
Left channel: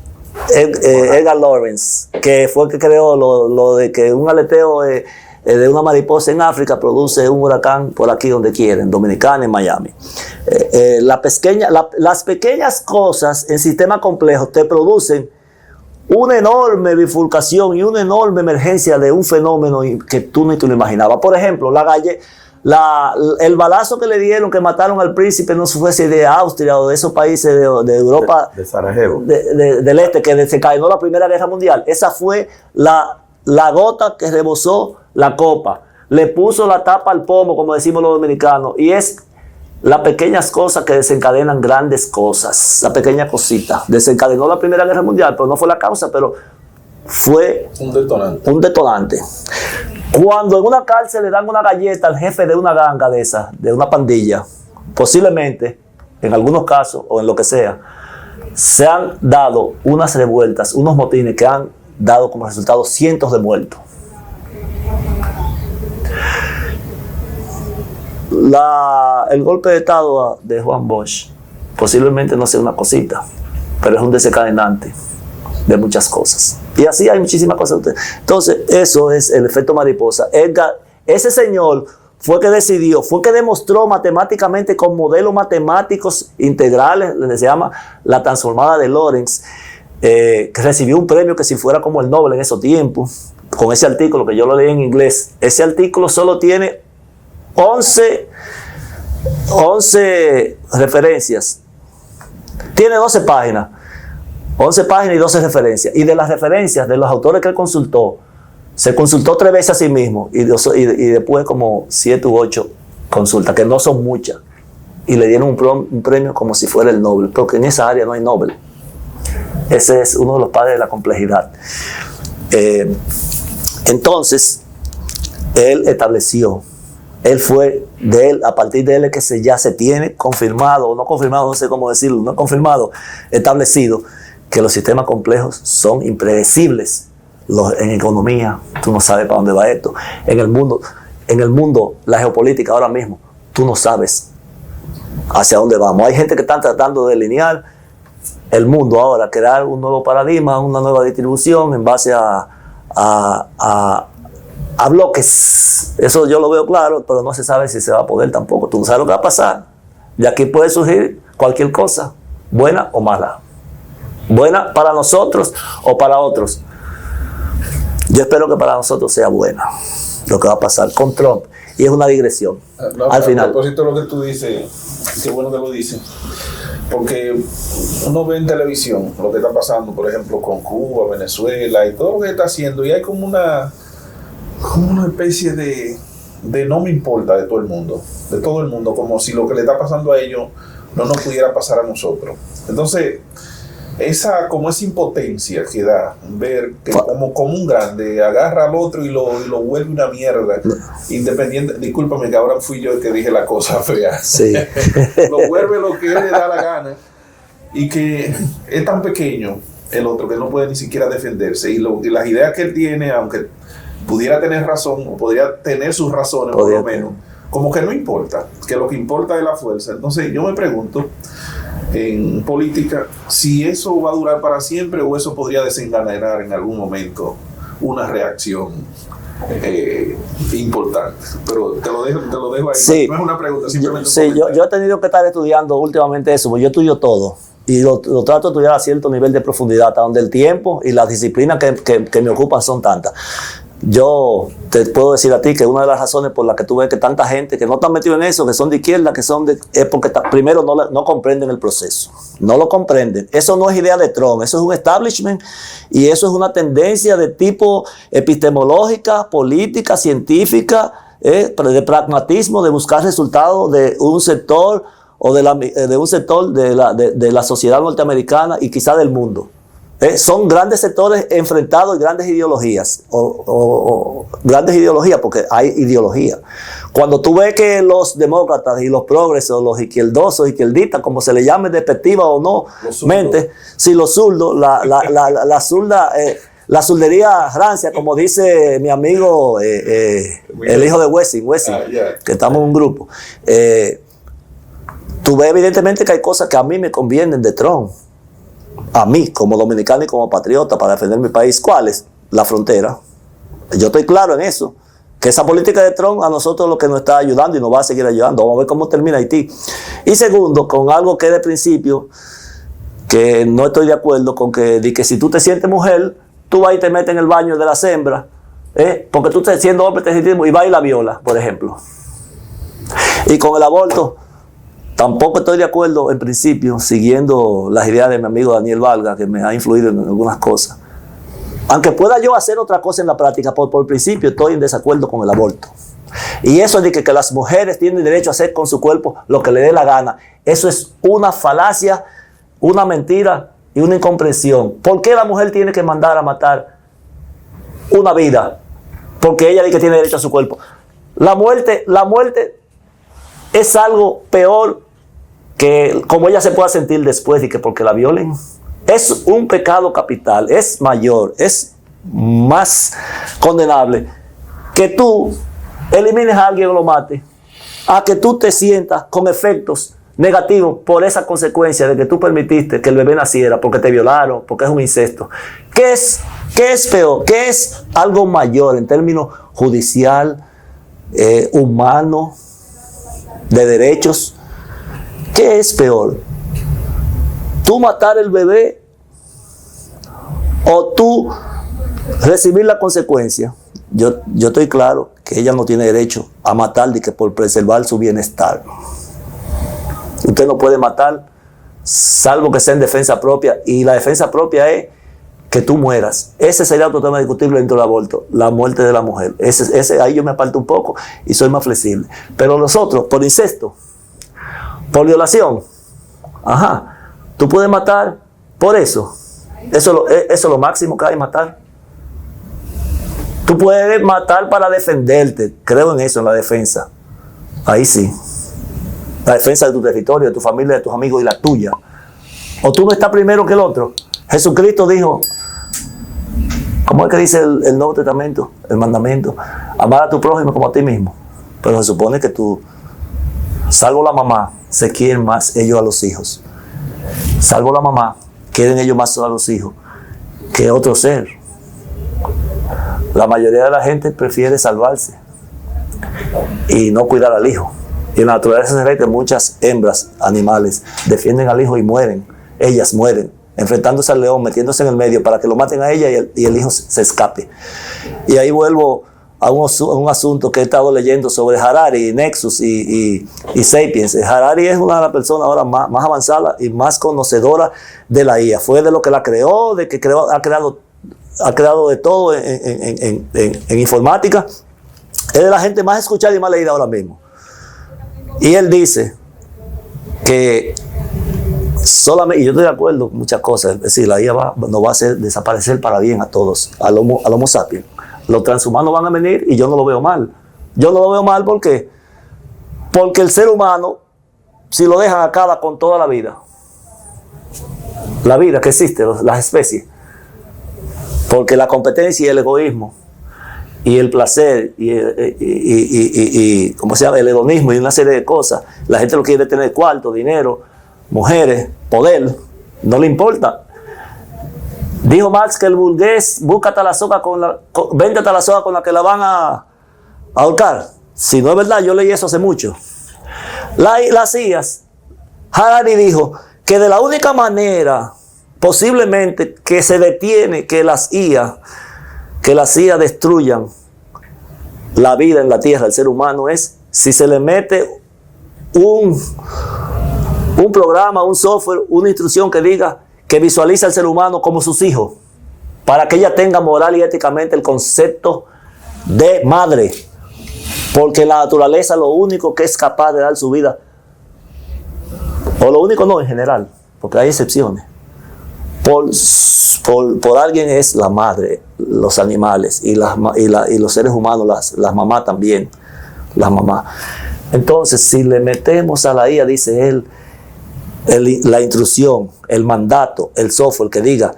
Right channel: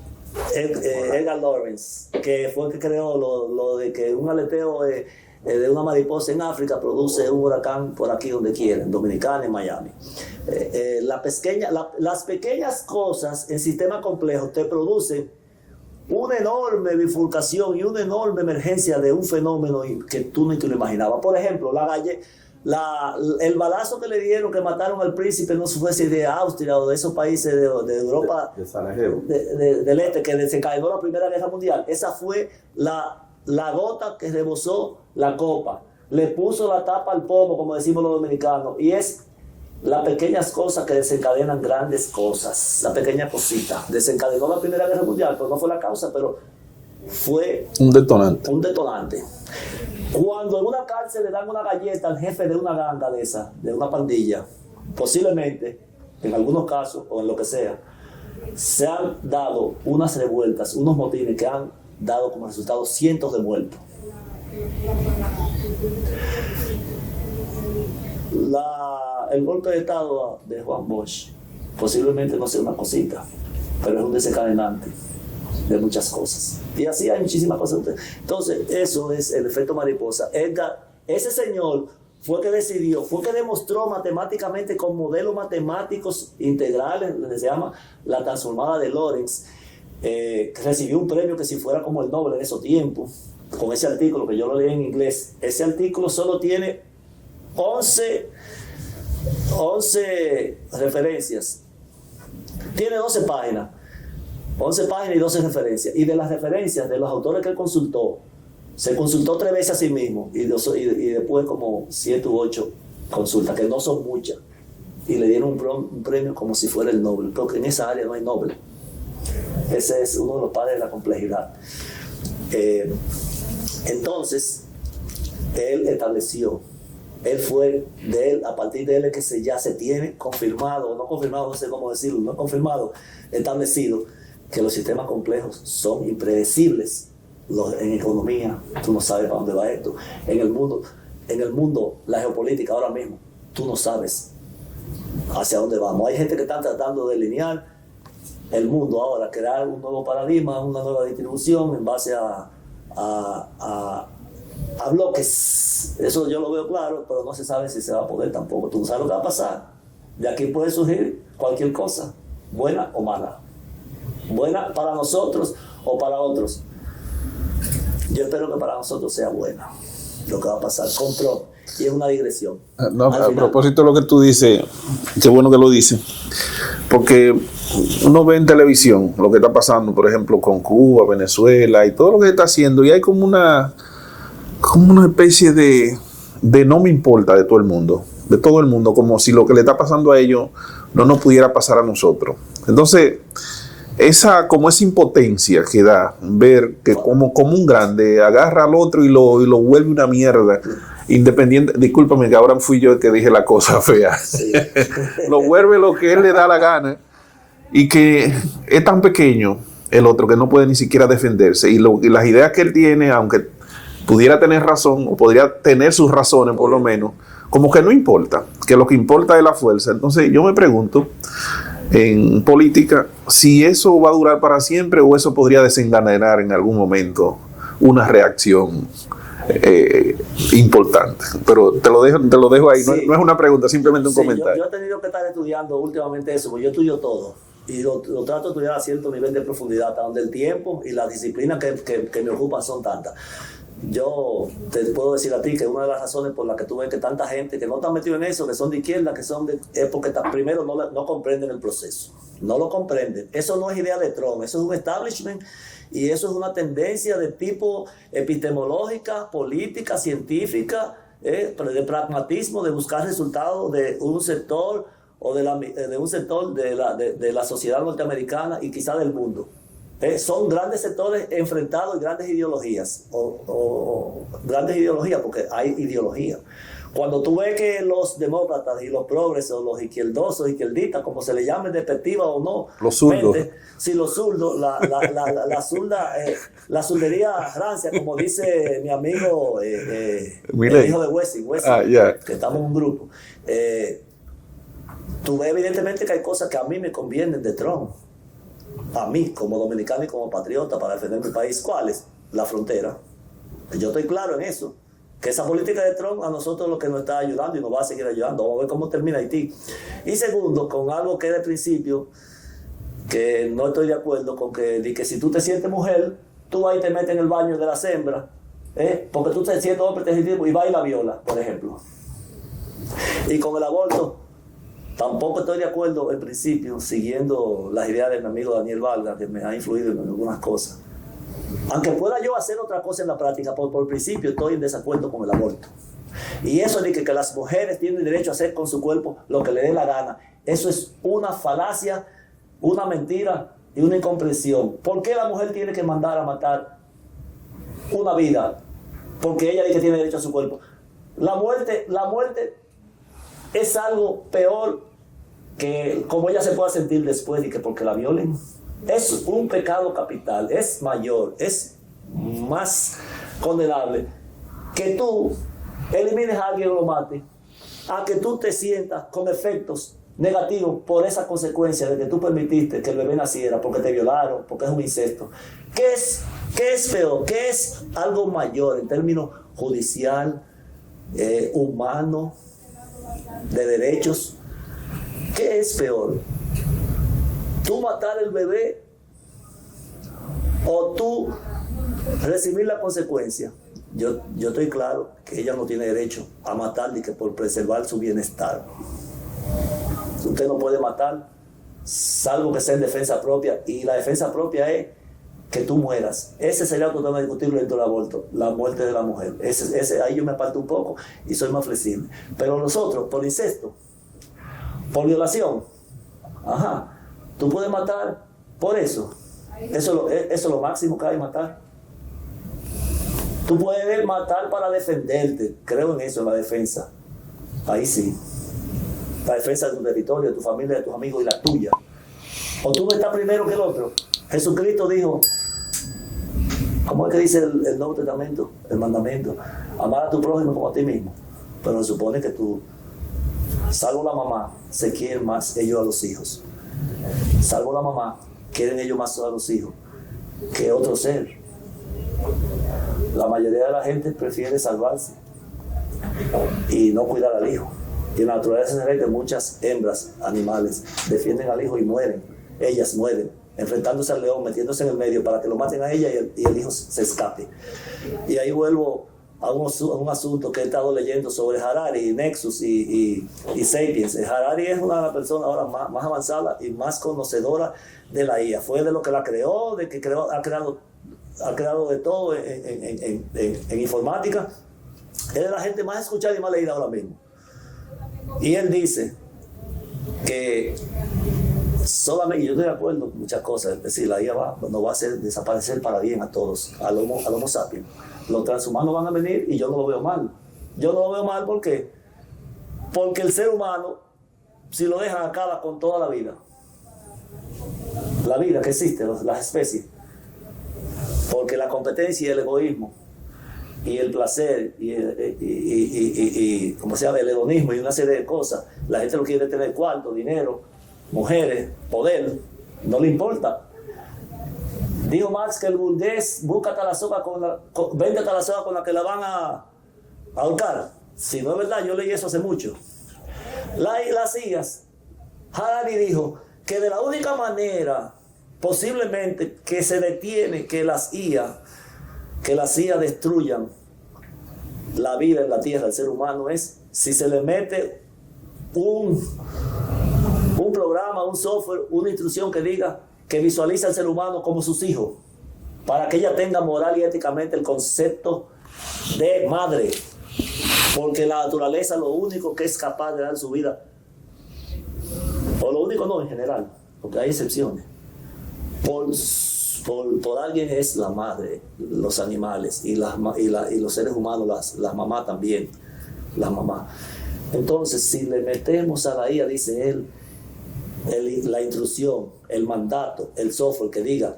Lorenz, que fue el que creó lo de que un aleteo de una mariposa en África produce un huracán por aquí donde quiera, en Dominicana, en Miami. Las pequeñas cosas en sistemas complejos te producen una enorme bifurcación y una enorme emergencia de un fenómeno que tú ni te lo imaginabas. Por ejemplo, el balazo que le dieron, que mataron al príncipe, no fue si de Austria o de esos países de Europa, de Sarajevo, del este, que desencadenó la Primera Guerra Mundial. Esa fue la gota que rebosó la copa, le puso la tapa al pomo, como decimos los dominicanos, y es las pequeñas cosas que desencadenan grandes cosas. La pequeña cosita desencadenó la Primera Guerra Mundial, pero no fue la causa, pero fue un detonante. Cuando en una cárcel le dan una galleta al jefe de una ganga de una pandilla, posiblemente, en algunos casos, o en lo que sea, se han dado unas revueltas, unos motines que han dado como resultado cientos de muertos. El golpe de estado de Juan Bosch posiblemente no sea una cosita, pero es un desencadenante. de muchas cosas. Y así hay muchísimas cosas. Entonces, eso es el efecto mariposa. Ese señor fue que decidió, fue que demostró matemáticamente con modelos matemáticos integrales, se llama la transformada de Lorentz, que recibió un premio que si fuera como el Nobel en esos tiempos, con ese artículo que yo lo leí en inglés. Ese artículo solo tiene 11 referencias. Tiene 12 páginas. 11 páginas y 12 referencias. Y de las referencias de los autores que él consultó, se consultó 3 veces a sí mismo y después como 7 u 8 consultas, que no son muchas. Y le dieron un premio como si fuera el Nobel, porque en esa área no hay Nobel. Ese es uno de los padres de la complejidad. Entonces, él estableció, a partir de él es que ya se tiene confirmado, o no confirmado, no sé cómo decirlo, no confirmado, establecido, que los sistemas complejos son impredecibles. En economía, tú no sabes para dónde va esto. En el mundo, la geopolítica ahora mismo, tú no sabes hacia dónde vamos. Hay gente que está tratando de delinear el mundo ahora, crear un nuevo paradigma, una nueva distribución en base a bloques. Eso yo lo veo claro, pero no se sabe si se va a poder tampoco. Tú no sabes lo que va a pasar. De aquí puede surgir cualquier cosa, buena o mala. Buena para nosotros o para otros. Yo espero que para nosotros sea buena lo que va a pasar con Trump. Y es una digresión. Al final. A propósito de lo que tú dices, qué bueno que lo dices. Porque uno ve en televisión lo que está pasando, por ejemplo, con Cuba, Venezuela y todo lo que está haciendo. Y hay como una especie de no me importa de todo el mundo. De todo el mundo. Como si lo que le está pasando a ellos no nos pudiera pasar a nosotros. Entonces, esa impotencia que da ver que como un grande agarra al otro y lo vuelve una mierda, independiente, discúlpame que ahora fui yo el que dije la cosa fea, sí. Lo vuelve lo que él le da la gana, y que es tan pequeño el otro que no puede ni siquiera defenderse, y las ideas que él tiene, aunque pudiera tener razón o podría tener sus razones por lo menos, como que no importa, que lo que importa es la fuerza. Entonces yo me pregunto, en política, si eso va a durar para siempre o eso podría desencadenar en algún momento una reacción importante. Pero te lo dejo ahí. Sí. No es una pregunta, simplemente un comentario. Yo he tenido que estar estudiando últimamente eso, porque yo estudio todo y lo trato de estudiar a cierto nivel de profundidad, hasta donde el tiempo y las disciplinas que me ocupan son tantas. Yo te puedo decir a ti que una de las razones por las que tú ves que tanta gente que no está metido en eso, que son de izquierda, es porque primero no comprenden el proceso. No lo comprenden. Eso no es idea de Trump, eso es un establishment y eso es una tendencia de tipo epistemológica, política, científica, de pragmatismo, de buscar resultados de un sector o de un sector de la sociedad norteamericana y quizá del mundo. Son grandes sectores enfrentados y grandes ideologías, grandes ideologías, porque hay ideología. Cuando tú ves que los demócratas y los progresos, los izquierdosos, izquierdistas, como se le llame despectiva o no, los zurdos, la zurdería rancia, como dice mi amigo, el hijo de Wessing, que estamos en un grupo. Tú ves evidentemente que hay cosas que a mí me convienen de Trump. A mí, como dominicano y como patriota, para defender mi país. ¿Cuál es? La frontera. Yo estoy claro en eso. Que esa política de Trump a nosotros lo que nos está ayudando y nos va a seguir ayudando. Vamos a ver cómo termina Haití. Y segundo, con algo que de principio, que no estoy de acuerdo con que si tú te sientes mujer, tú vas y te metes en el baño de las hembras, porque tú estás siendo hombre, te sientes y vas y la viola, por ejemplo. Y con el aborto, tampoco estoy de acuerdo en principio, siguiendo las ideas de mi amigo Daniel Valga, que me ha influido en algunas cosas. Aunque pueda yo hacer otra cosa en la práctica, por principio estoy en desacuerdo con el aborto. Y eso de que las mujeres tienen derecho a hacer con su cuerpo lo que le dé la gana, eso es una falacia, una mentira y una incomprensión. ¿Por qué la mujer tiene que mandar a matar una vida? Porque ella dice que tiene derecho a su cuerpo. La muerte es algo peor que como ella se pueda sentir después de que porque la violen. Es un pecado capital, es mayor, es más condenable que tú elimines a alguien o lo mates, a que tú te sientas con efectos negativo por esa consecuencia de que tú permitiste que el bebé naciera, porque te violaron, porque es un incesto. ¿Qué es peor? ¿Qué es algo mayor en términos judicial, humano, de derechos? ¿Qué es peor? ¿Tú matar el bebé o tú recibir la consecuencia? Yo estoy claro que ella no tiene derecho a matar de que por preservar su bienestar. Usted no puede matar salvo que sea en defensa propia, y la defensa propia es que tú mueras. Ese sería otro tema discutible dentro del aborto, la muerte de la mujer. Ahí yo me aparto un poco y soy más flexible. Pero los otros, por incesto, por violación, tú puedes matar por eso. Eso es lo máximo que hay, matar. Tú puedes matar para defenderte. Creo en eso, en la defensa. Ahí sí. La defensa de tu territorio, de tu familia, de tus amigos y la tuya. O tú no estás primero que el otro. Jesucristo dijo, ¿cómo es que dice el Nuevo Testamento, el mandamiento? Amar a tu prójimo como a ti mismo. Pero se supone que tú, salvo la mamá, se quieren más ellos a los hijos. Salvo la mamá, quieren ellos más a los hijos que otro ser. La mayoría de la gente prefiere salvarse y no cuidar al hijo. Y en la naturaleza se ve que muchas hembras animales defienden al hijo y mueren. Ellas mueren, enfrentándose al león, metiéndose en el medio para que lo maten a ella y el hijo se escape. Y ahí vuelvo a un asunto que he estado leyendo sobre Harari, Nexus y Sapiens. Harari es una de las personas ahora más avanzada y más conocedora de la IA. Fue de lo que la creó, de que ha creado de todo en informática. Es de la gente más escuchada y más leída ahora mismo. Y él dice que solamente, y yo estoy de acuerdo con muchas cosas, es decir, la IA nos va a hacer desaparecer para bien a todos, al Homo sapiens. Los transhumanos van a venir y yo no lo veo mal. Yo no lo veo mal porque el ser humano, si lo dejan, acaba con toda la vida que existe, las especies. Porque la competencia y el egoísmo y el placer y ¿cómo se llama? El hedonismo y una serie de cosas. La gente lo quiere tener: cuarto, dinero, mujeres, poder. No le importa. Dijo Marx que el burgués busca hasta la soga vende hasta la soga con la que la van a ahorcar. Si no es verdad, yo leí eso hace mucho. Las IAs, Harari dijo que de la única manera posiblemente que se detiene que las IA destruyan la vida en la tierra, el ser humano, es si se le mete un programa, un software, una instrucción que diga, que visualiza al ser humano como sus hijos, para que ella tenga moral y éticamente el concepto de madre. Porque la naturaleza lo único que es capaz de dar su vida, o lo único no, en general, porque hay excepciones, por alguien es la madre, los animales y los seres humanos, las mamás también, las mamás. Entonces, si le metemos a la IA, dice él, la instrucción, el mandato, el software que diga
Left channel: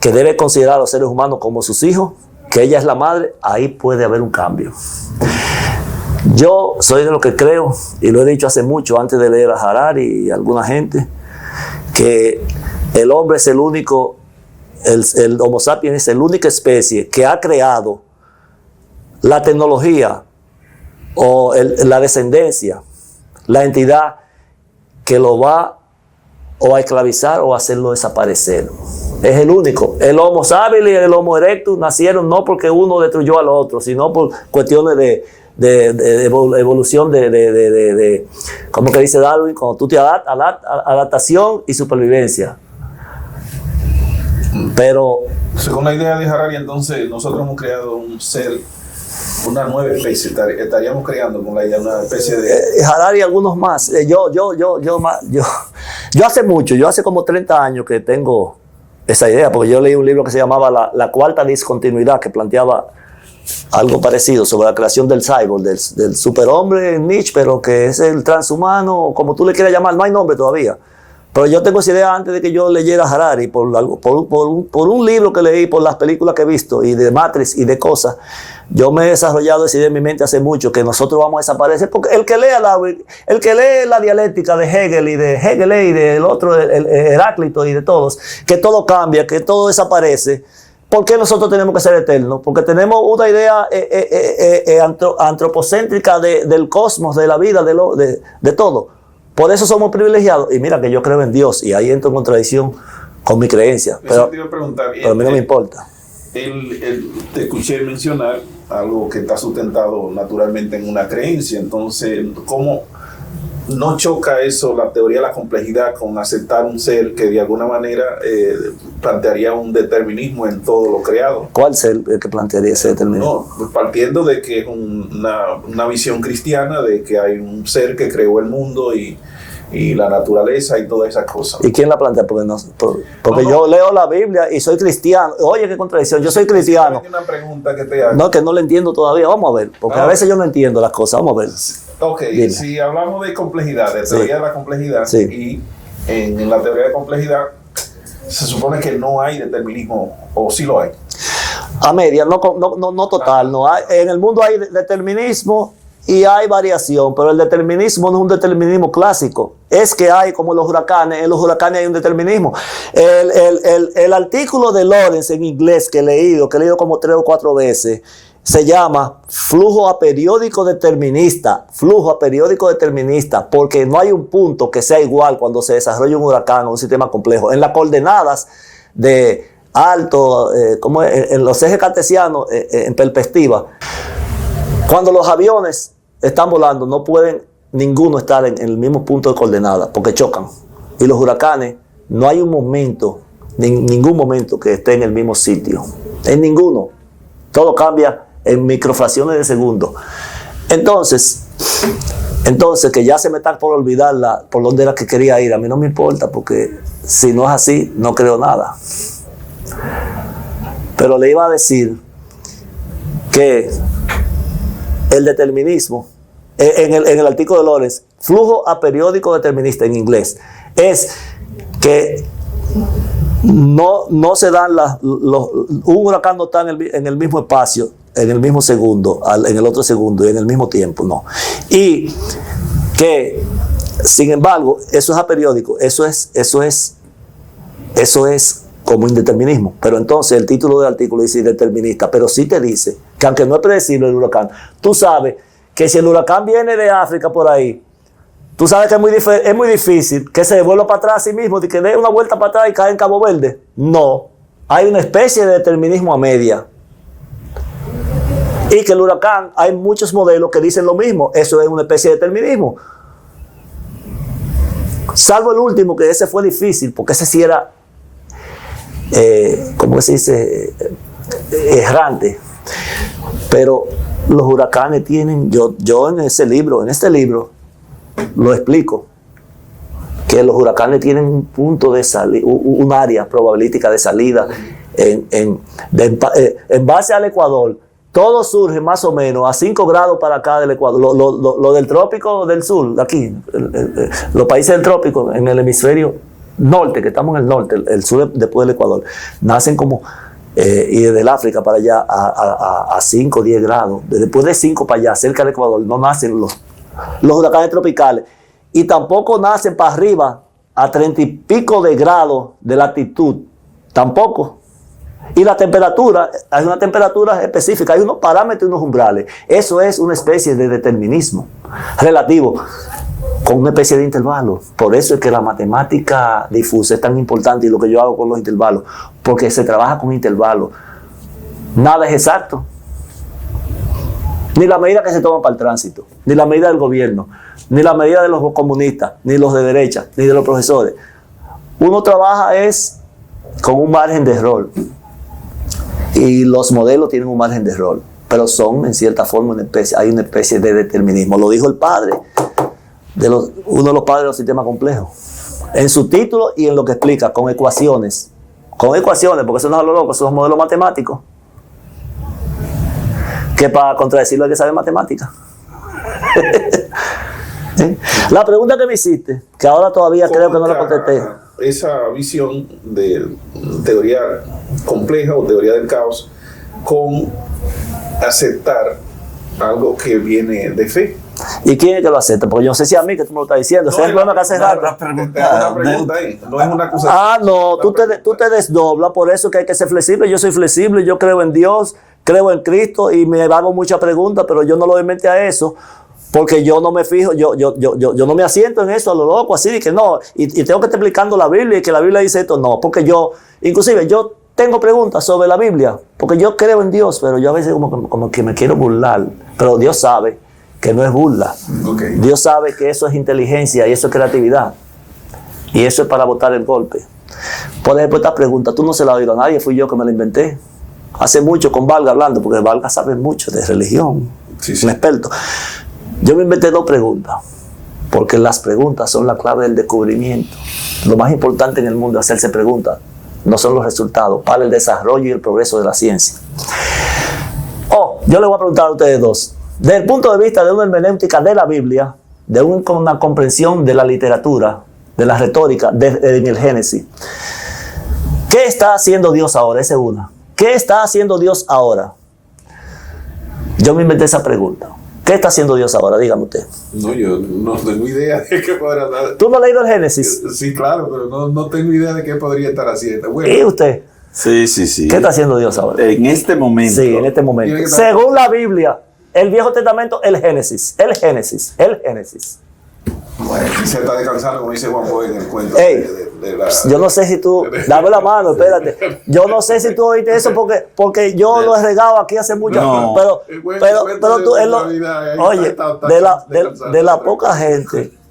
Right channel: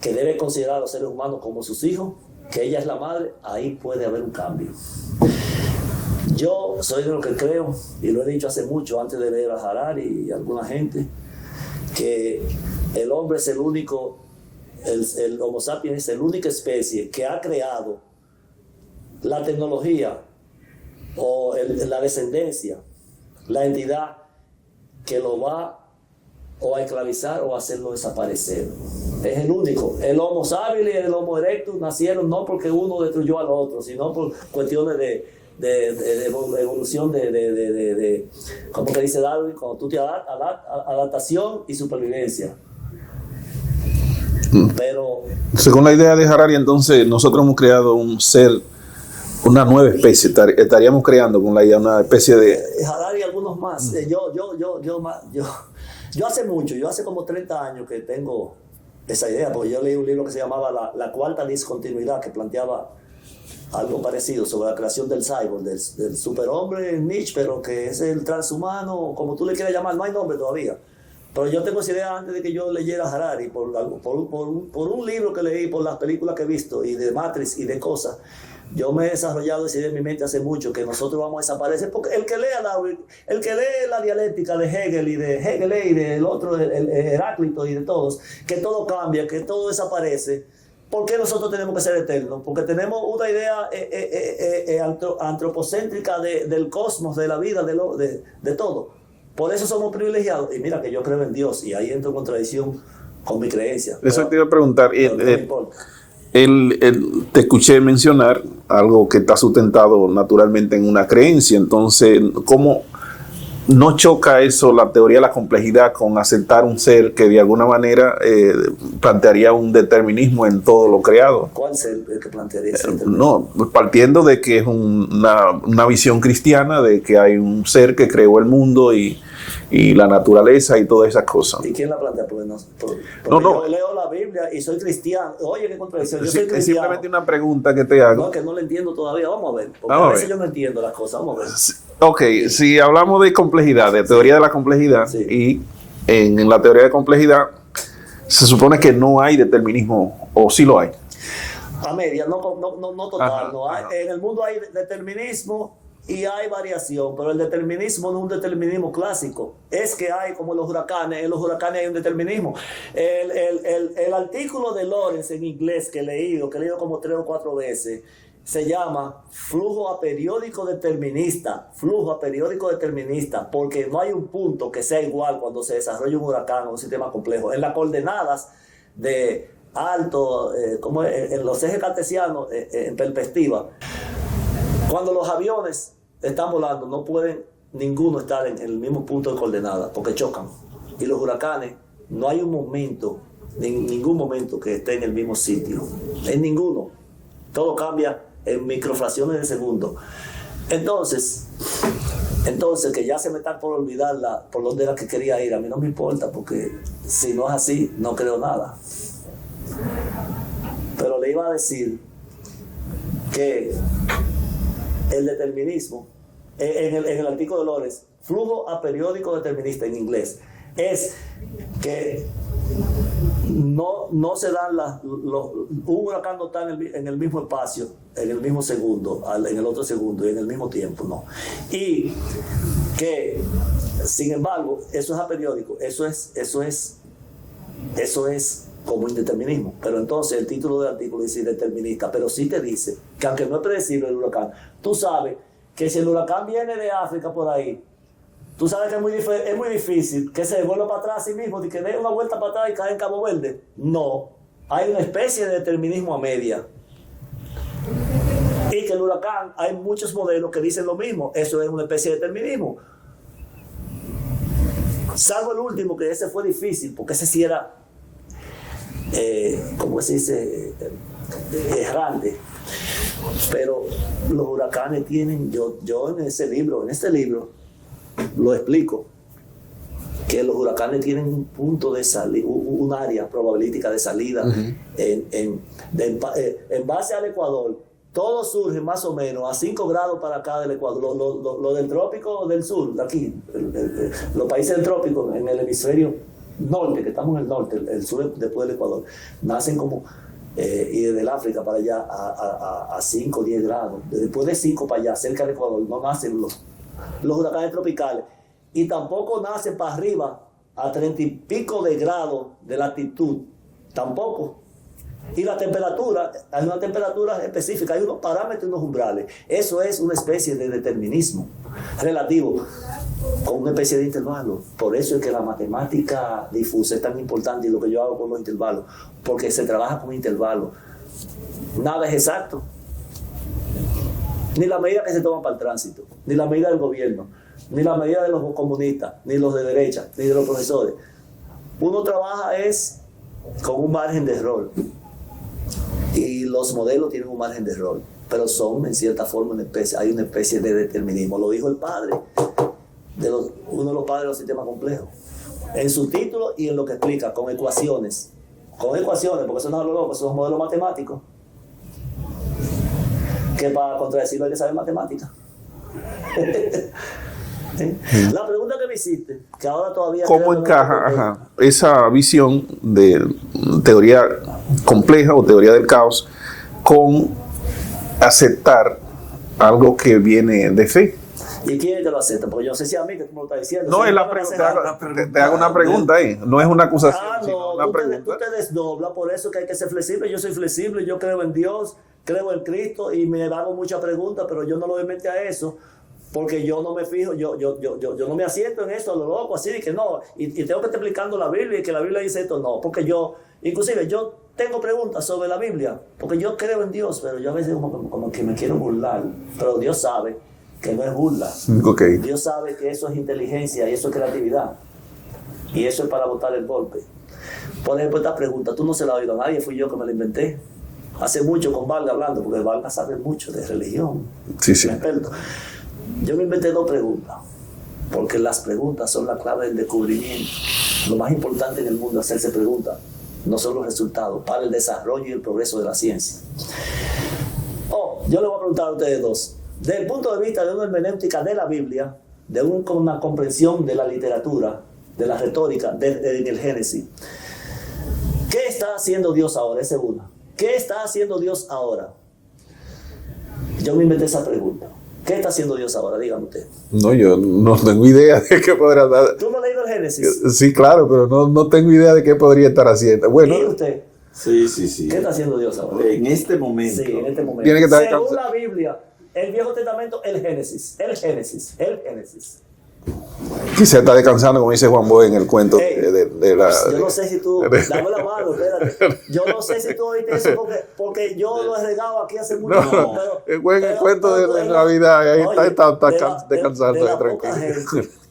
que debe considerar a los seres humanos como sus hijos, que ella es la madre, ahí puede haber un cambio. Yo soy de lo que creo, y lo he dicho hace mucho, antes de leer a Harari y a alguna gente, que el hombre es el único, el Homo sapiens es la única especie que ha creado la tecnología o la descendencia, la entidad que lo va o a esclavizar o a hacerlo desaparecer. Es el único. El Homo sapiens y el Homo erectus nacieron no porque uno destruyó al otro, sino por cuestiones de evolución, como que dice Darwin, cuando tú te adaptación y supervivencia. Pero según la idea de Harari, entonces nosotros hemos creado un ser, una nueva especie. Estaríamos creando con la idea una especie de Harari y algunos más. Yo hace mucho, yo hace como 30 años que tengo esa idea, porque yo leí un libro que se llamaba La Cuarta Discontinuidad, que planteaba algo parecido sobre la creación del cyborg, del superhombre Nietzsche, pero que es el transhumano, como tú le quieras llamar, no hay nombre todavía, Pero yo tengo esa idea antes de que yo leyera Harari, por un libro que leí, por las películas que he visto, y de Matrix y de cosas. Yo me he desarrollado esa idea en mi mente hace mucho, que nosotros vamos a desaparecer, porque el que lee la dialéctica de Hegel y del otro, el Heráclito y de todos, que todo cambia, que todo desaparece. ¿Por qué nosotros tenemos que ser eternos? Porque tenemos una idea antropocéntrica del cosmos, de la vida, de todo. Por eso somos privilegiados. Y mira que yo creo en Dios, y ahí entro en contradicción con mi creencia. Eso te iba a preguntar. Pero a mí no me importa. Te escuché mencionar algo que está sustentado naturalmente en una creencia. Entonces, ¿cómo no choca eso, la teoría de la complejidad, con aceptar un ser que de alguna manera plantearía un determinismo en todo lo creado? ¿Cuál ser el que plantearía ese determinismo? No, partiendo de que es una visión cristiana de que hay un ser que creó el mundo y la naturaleza y todas esas cosas. ¿Y quién la plantea? Porque yo leo la Biblia y soy cristiano. Oye, qué contradicción. Yo soy cristiano. Una pregunta que te hago. No, que no lo entiendo todavía. Vamos a ver. Porque a veces yo no entiendo las cosas. Vamos a ver. Ok, dile. Si hablamos de complejidad, de teoría de la complejidad, y en la teoría de complejidad se supone que no hay determinismo, o sí lo hay. A media, no total. No hay, en el mundo hay determinismo y hay variación, pero el determinismo no es un determinismo clásico. Es que hay, como los huracanes, en los huracanes hay un determinismo. El artículo de Lawrence en inglés que he leído como 3 o 4 veces, se llama flujo aperiódico determinista. Flujo aperiódico determinista, porque no hay un punto que sea igual cuando se desarrolla un huracán o un sistema complejo. En las coordenadas de alto, como en los ejes cartesianos, en perspectiva, cuando los aviones están volando, no pueden ninguno estar en el mismo punto de coordenada, porque chocan. Y los huracanes, no hay un momento, ningún momento que esté en el mismo sitio. En ninguno. Todo cambia en microfracciones de segundo. Entonces, que ya se me está por olvidar por dónde era que quería ir. A mí no me importa, porque si no es así, no creo nada. Pero le iba a decir que el determinismo, en el artículo de Lawrence, flujo aperiódico determinista en inglés, es que no se dan un huracán no está en el mismo espacio, en el mismo segundo, en el otro segundo y en el mismo tiempo, no. Y que, sin embargo, eso es aperiódico, eso es como indeterminismo. Pero entonces el título del artículo dice determinista, pero sí te dice que aunque no es predecible el huracán, tú sabes que si el huracán viene de África por ahí, tú sabes que es muy difícil que se devuelva para atrás a sí mismo, de que dé una vuelta para atrás y cae en Cabo Verde. No, hay una especie de determinismo a media. Y que el huracán, hay muchos modelos que dicen lo mismo. Eso es una especie de determinismo. Salvo el último, que ese fue difícil, porque ese sí era, ¿cómo se dice? Errante. Pero los huracanes tienen, yo en este libro, lo explico, que los huracanes tienen un punto de salida, un área probabilística de salida. En base al Ecuador, todo surge más o menos a 5 grados para acá del Ecuador. Lo del trópico del sur, aquí, los países del trópico, en el hemisferio norte, que estamos en el norte, el sur después del Ecuador, nacen como, y desde el África para allá a 5 o 10 grados. Después de 5 para allá, cerca del Ecuador, no nacen los huracanes tropicales. Y tampoco nacen para arriba a 30 y pico de grados de latitud. Tampoco. Y la temperatura, hay una temperatura específica, hay unos parámetros y unos umbrales. Eso es una especie de determinismo relativo, con una especie de intervalo. Por eso es que la matemática difusa es tan importante, y lo que yo hago con los intervalos, porque se trabaja con intervalos. Nada es exacto. Ni la medida que se toma para el tránsito, ni la medida del gobierno, ni la medida de los comunistas, ni los de derecha, ni de los profesores. Uno trabaja es con un margen de error. Y los modelos tienen un margen de error, pero son en cierta forma hay una especie de determinismo. Lo dijo el padre, uno de los padres de los sistemas complejos, en su título y en lo que explica, con ecuaciones, porque eso no es lo loco, esos son modelos matemáticos, que para contradecirlo hay que saber matemáticas. La pregunta que me hiciste, que ahora todavía creo que no la contesté. Esa visión de teoría compleja o teoría del caos con aceptar algo que viene de fe. ¿Y quién es que lo acepta? Porque yo no sé si a mí que tú me lo estás diciendo. No, Te hago una pregunta ahí, no es una acusación. No, tú te desdoblas, por eso que hay que ser flexible. Yo soy flexible, yo creo en Dios, creo en Cristo y me hago muchas preguntas, pero yo no lo mente a eso. Porque yo no me fijo, yo no me asiento en eso a lo loco, así de que no, y tengo que estar explicando la Biblia y que la Biblia dice esto, no, porque inclusive yo tengo preguntas sobre la Biblia, porque yo creo en Dios, pero yo a veces como que me quiero burlar, pero Dios sabe que no es burla. Okay. Dios sabe que eso es inteligencia y eso es creatividad, y eso es para botar el golpe. Por ejemplo, esta pregunta, tú no se la has oído a nadie, fui yo que me la inventé. Hace mucho con Valga hablando, porque Valga sabe mucho de religión, sí. un experto. Yo me inventé 2 preguntas, porque las preguntas son la clave del descubrimiento. Lo más importante en el mundo es hacerse preguntas, no son los resultados, para el desarrollo y el progreso de la ciencia. Yo les voy a preguntar a ustedes 2. Desde el punto de vista de una hermenéutica de la Biblia, de una comprensión de la literatura, de la retórica, en el Génesis, ¿qué está haciendo Dios ahora? Esa es una. ¿Qué está haciendo Dios ahora? Yo me inventé esa pregunta. ¿Qué está haciendo Dios ahora? Dígame usted. No, yo no tengo idea de qué podrá dar. ¿Tú no has leído el Génesis? Sí, claro, pero no tengo idea de qué podría estar haciendo. Bueno, ¿y usted? Sí. ¿Qué está haciendo Dios ahora? En este momento. Sí, en este momento. Según la Biblia, el Viejo Testamento, el Génesis. Bueno, quizá está descansando, como dice Juan Boy en el cuento de la... Yo no sé si tú... Dame la mano, espérate. Yo no sé si tú oíste eso porque yo lo he regado aquí hace mucho tiempo. Pero tú... Oye,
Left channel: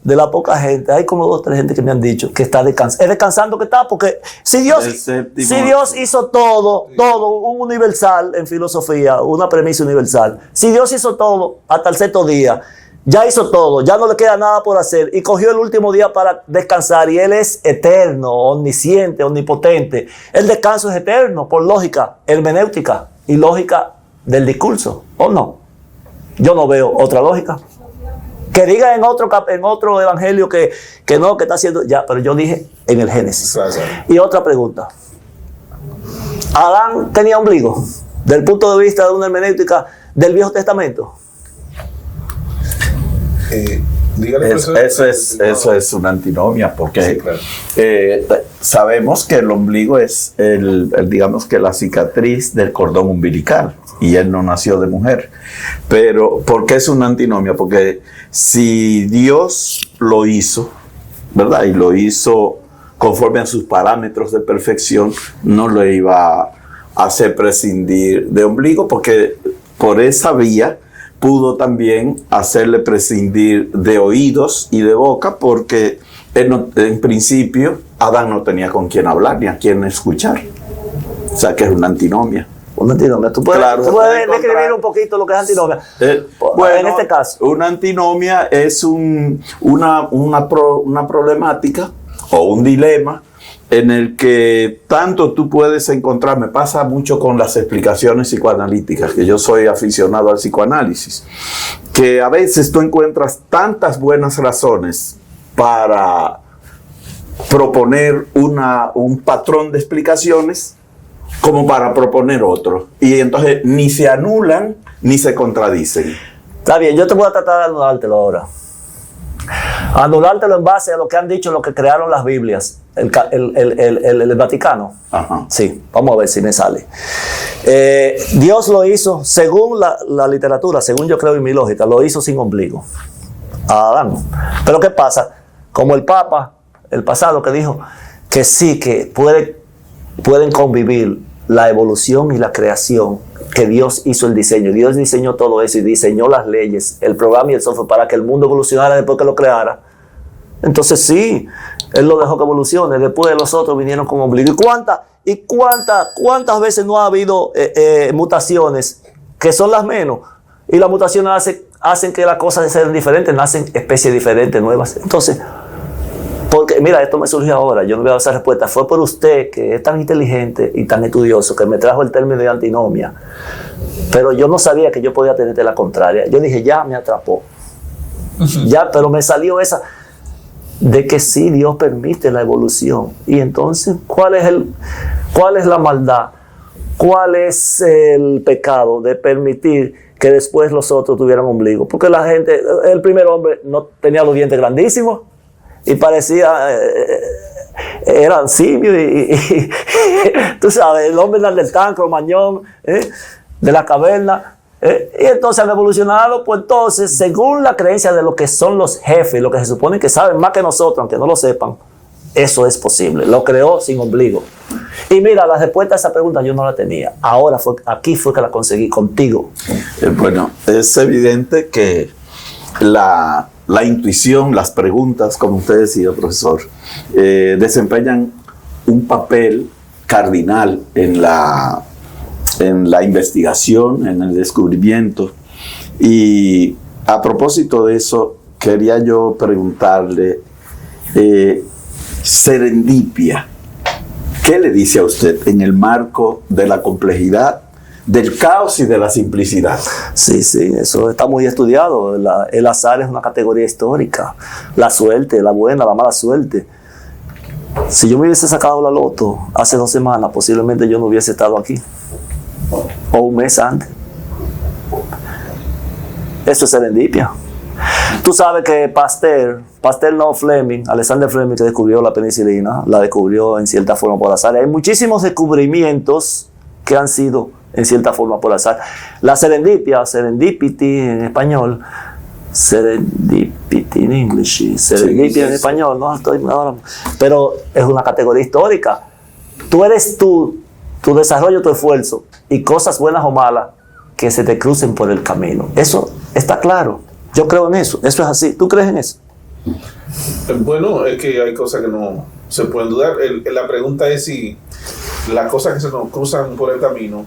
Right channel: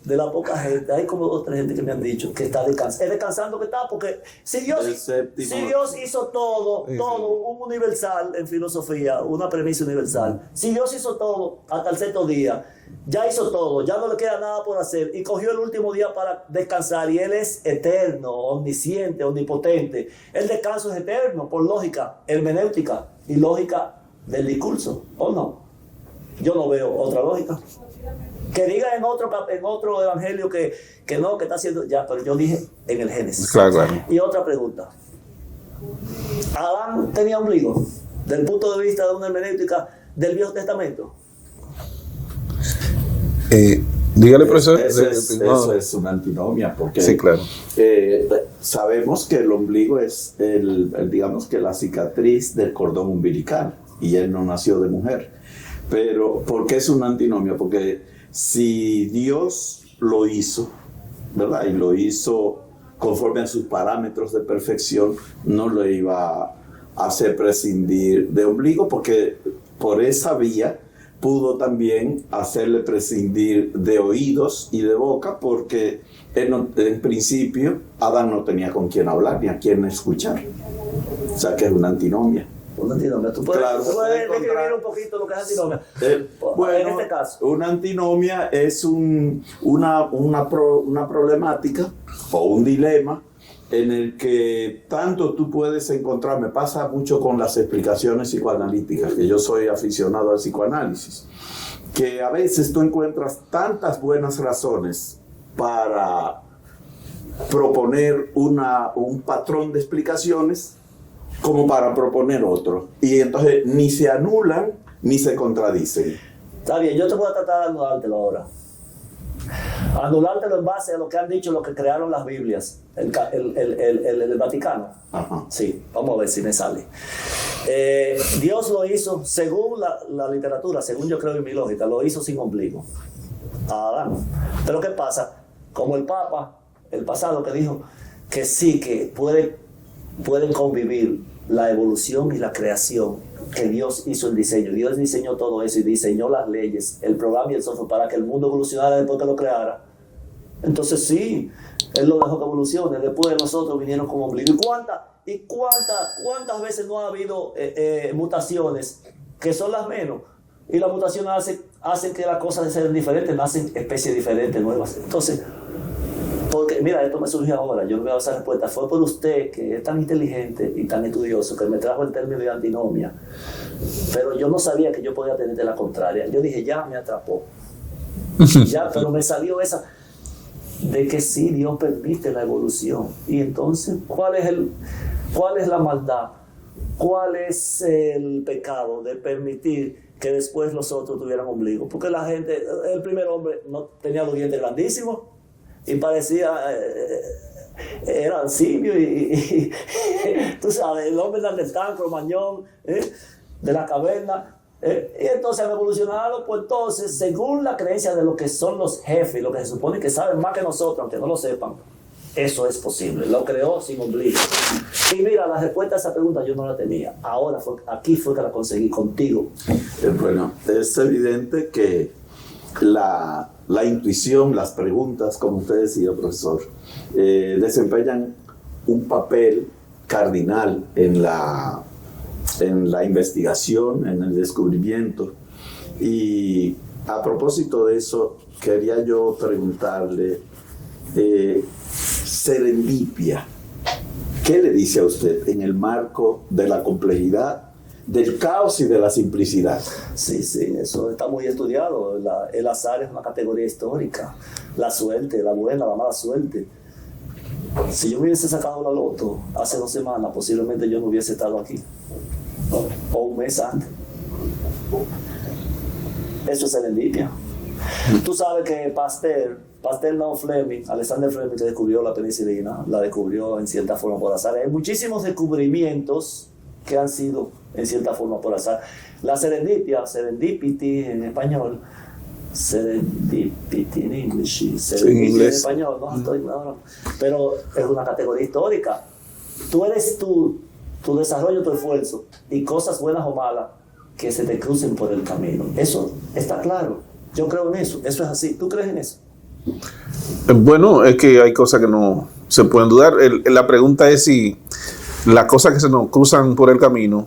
de la poca gente, hay como 2 o 3 gente que me han dicho que está descansando. Es descansando que está, porque si Dios hizo todo, un universal en filosofía, una premisa universal. Si Dios hizo todo hasta el 6º día, ya hizo todo, ya no le queda nada por hacer y cogió el último día para descansar y Él es eterno, omnisciente, omnipotente. El descanso es eterno por lógica hermenéutica y lógica del discurso, ¿o no? Yo no veo otra lógica. Que diga en otro evangelio que no, que está haciendo ya, pero yo dije en el Génesis. Claro. Y otra pregunta. ¿Adán tenía ombligo? Del punto de vista de una hermenéutica del Viejo Testamento. Dígale, eso es una antinomia, porque sí, claro. Sabemos que el ombligo es digamos que la cicatriz del cordón umbilical, y él no nació de mujer. Pero ¿por qué es una antinomia? Porque si Dios lo hizo, ¿verdad? Y lo hizo conforme a sus parámetros de perfección, no lo iba a hacer prescindir de ombligo, porque por esa vía pudo también hacerle prescindir de oídos y de boca, porque en principio Adán no tenía con quién hablar ni a quién escuchar. O sea que es una antinomia. Una antinomia. ¿Tú puedes describir un poquito lo que es antinomia? Bueno, en este caso. Una antinomia es una problemática o un dilema en el que tanto tú puedes encontrar, me pasa mucho con las explicaciones psicoanalíticas, que yo soy aficionado al psicoanálisis, que a veces tú encuentras tantas buenas razones para proponer un patrón de explicaciones como para proponer otro, y entonces ni se anulan ni se contradicen. Está bien, yo te voy a tratar de anulártelo ahora. Anulártelo en base a lo que han dicho los que crearon las Biblias, el Vaticano. Ajá. Sí, vamos a ver si me sale. Dios lo hizo, según la literatura, según yo creo en mi lógica, lo hizo sin ombligo a Adán. Pero ¿qué pasa? Como el Papa, el pasado, que dijo que sí, que pueden convivir la evolución y la creación, que Dios hizo el diseño. Dios diseñó todo eso y diseñó las leyes, el programa y el software para que el mundo evolucionara después que lo creara. Entonces sí, Él lo dejó que evolucione. Después los otros vinieron con ombligo. ¿Y cuántas veces no ha habido mutaciones que son las menos? Y las mutaciones hacen que las cosas sean diferentes, nacen especies diferentes, nuevas. Entonces, porque, mira, esto me surgió ahora, yo no voy a dar esa respuesta. Fue por usted, que es tan inteligente y tan estudioso, que me trajo el término de antinomia. Pero yo no sabía que yo podía tenerte la contraria. Yo dije, ya me atrapó. Ya, pero me salió esa de que sí, Dios permite la evolución. Y entonces, ¿cuál es la maldad? ¿Cuál es el pecado de permitir que después los otros tuvieran ombligo? Porque la gente, el primer hombre no tenía los dientes grandísimos y parecía, eran simios y tú sabes, el hombre del tanque, mañón, de la caverna. Y entonces han evolucionado, pues entonces, según la creencia de lo que son los jefes, lo que se supone que saben más que nosotros, aunque no lo sepan, eso es posible. Lo creó sin ombligo. Y mira, la respuesta a esa pregunta yo no la tenía. Ahora aquí fue que la conseguí contigo. Bueno, es evidente que la intuición, las preguntas, como usted decía, profesor, desempeñan un papel cardinal en la investigación, en el descubrimiento. Y a propósito de eso, quería yo preguntarle, serendipia, ¿qué le dice a usted en el marco de la complejidad, del caos y de la simplicidad? Sí, eso está muy estudiado. El azar es una categoría histórica. La suerte, la buena, la mala suerte. Si yo me hubiese sacado la loto hace 2 semanas, posiblemente yo no hubiese estado aquí. O un mes antes. Eso es serendipia. Tú sabes que Pasteur no, Fleming, Alexander Fleming, que descubrió la penicilina, la descubrió en cierta forma por azar. Hay muchísimos descubrimientos que han sido en cierta forma por azar. La serendipia, serendipity en español, serendipity en English, serendipia en español, no estoy ahora, pero es una categoría histórica. Tú eres tu desarrollo, tu esfuerzo y cosas buenas o malas que se te crucen por el camino. Eso está claro. Yo creo en eso. Eso es así. ¿Tú crees en eso? Bueno, es que hay cosas que no se pueden dudar. La pregunta es si las cosas que se nos cruzan por el camino,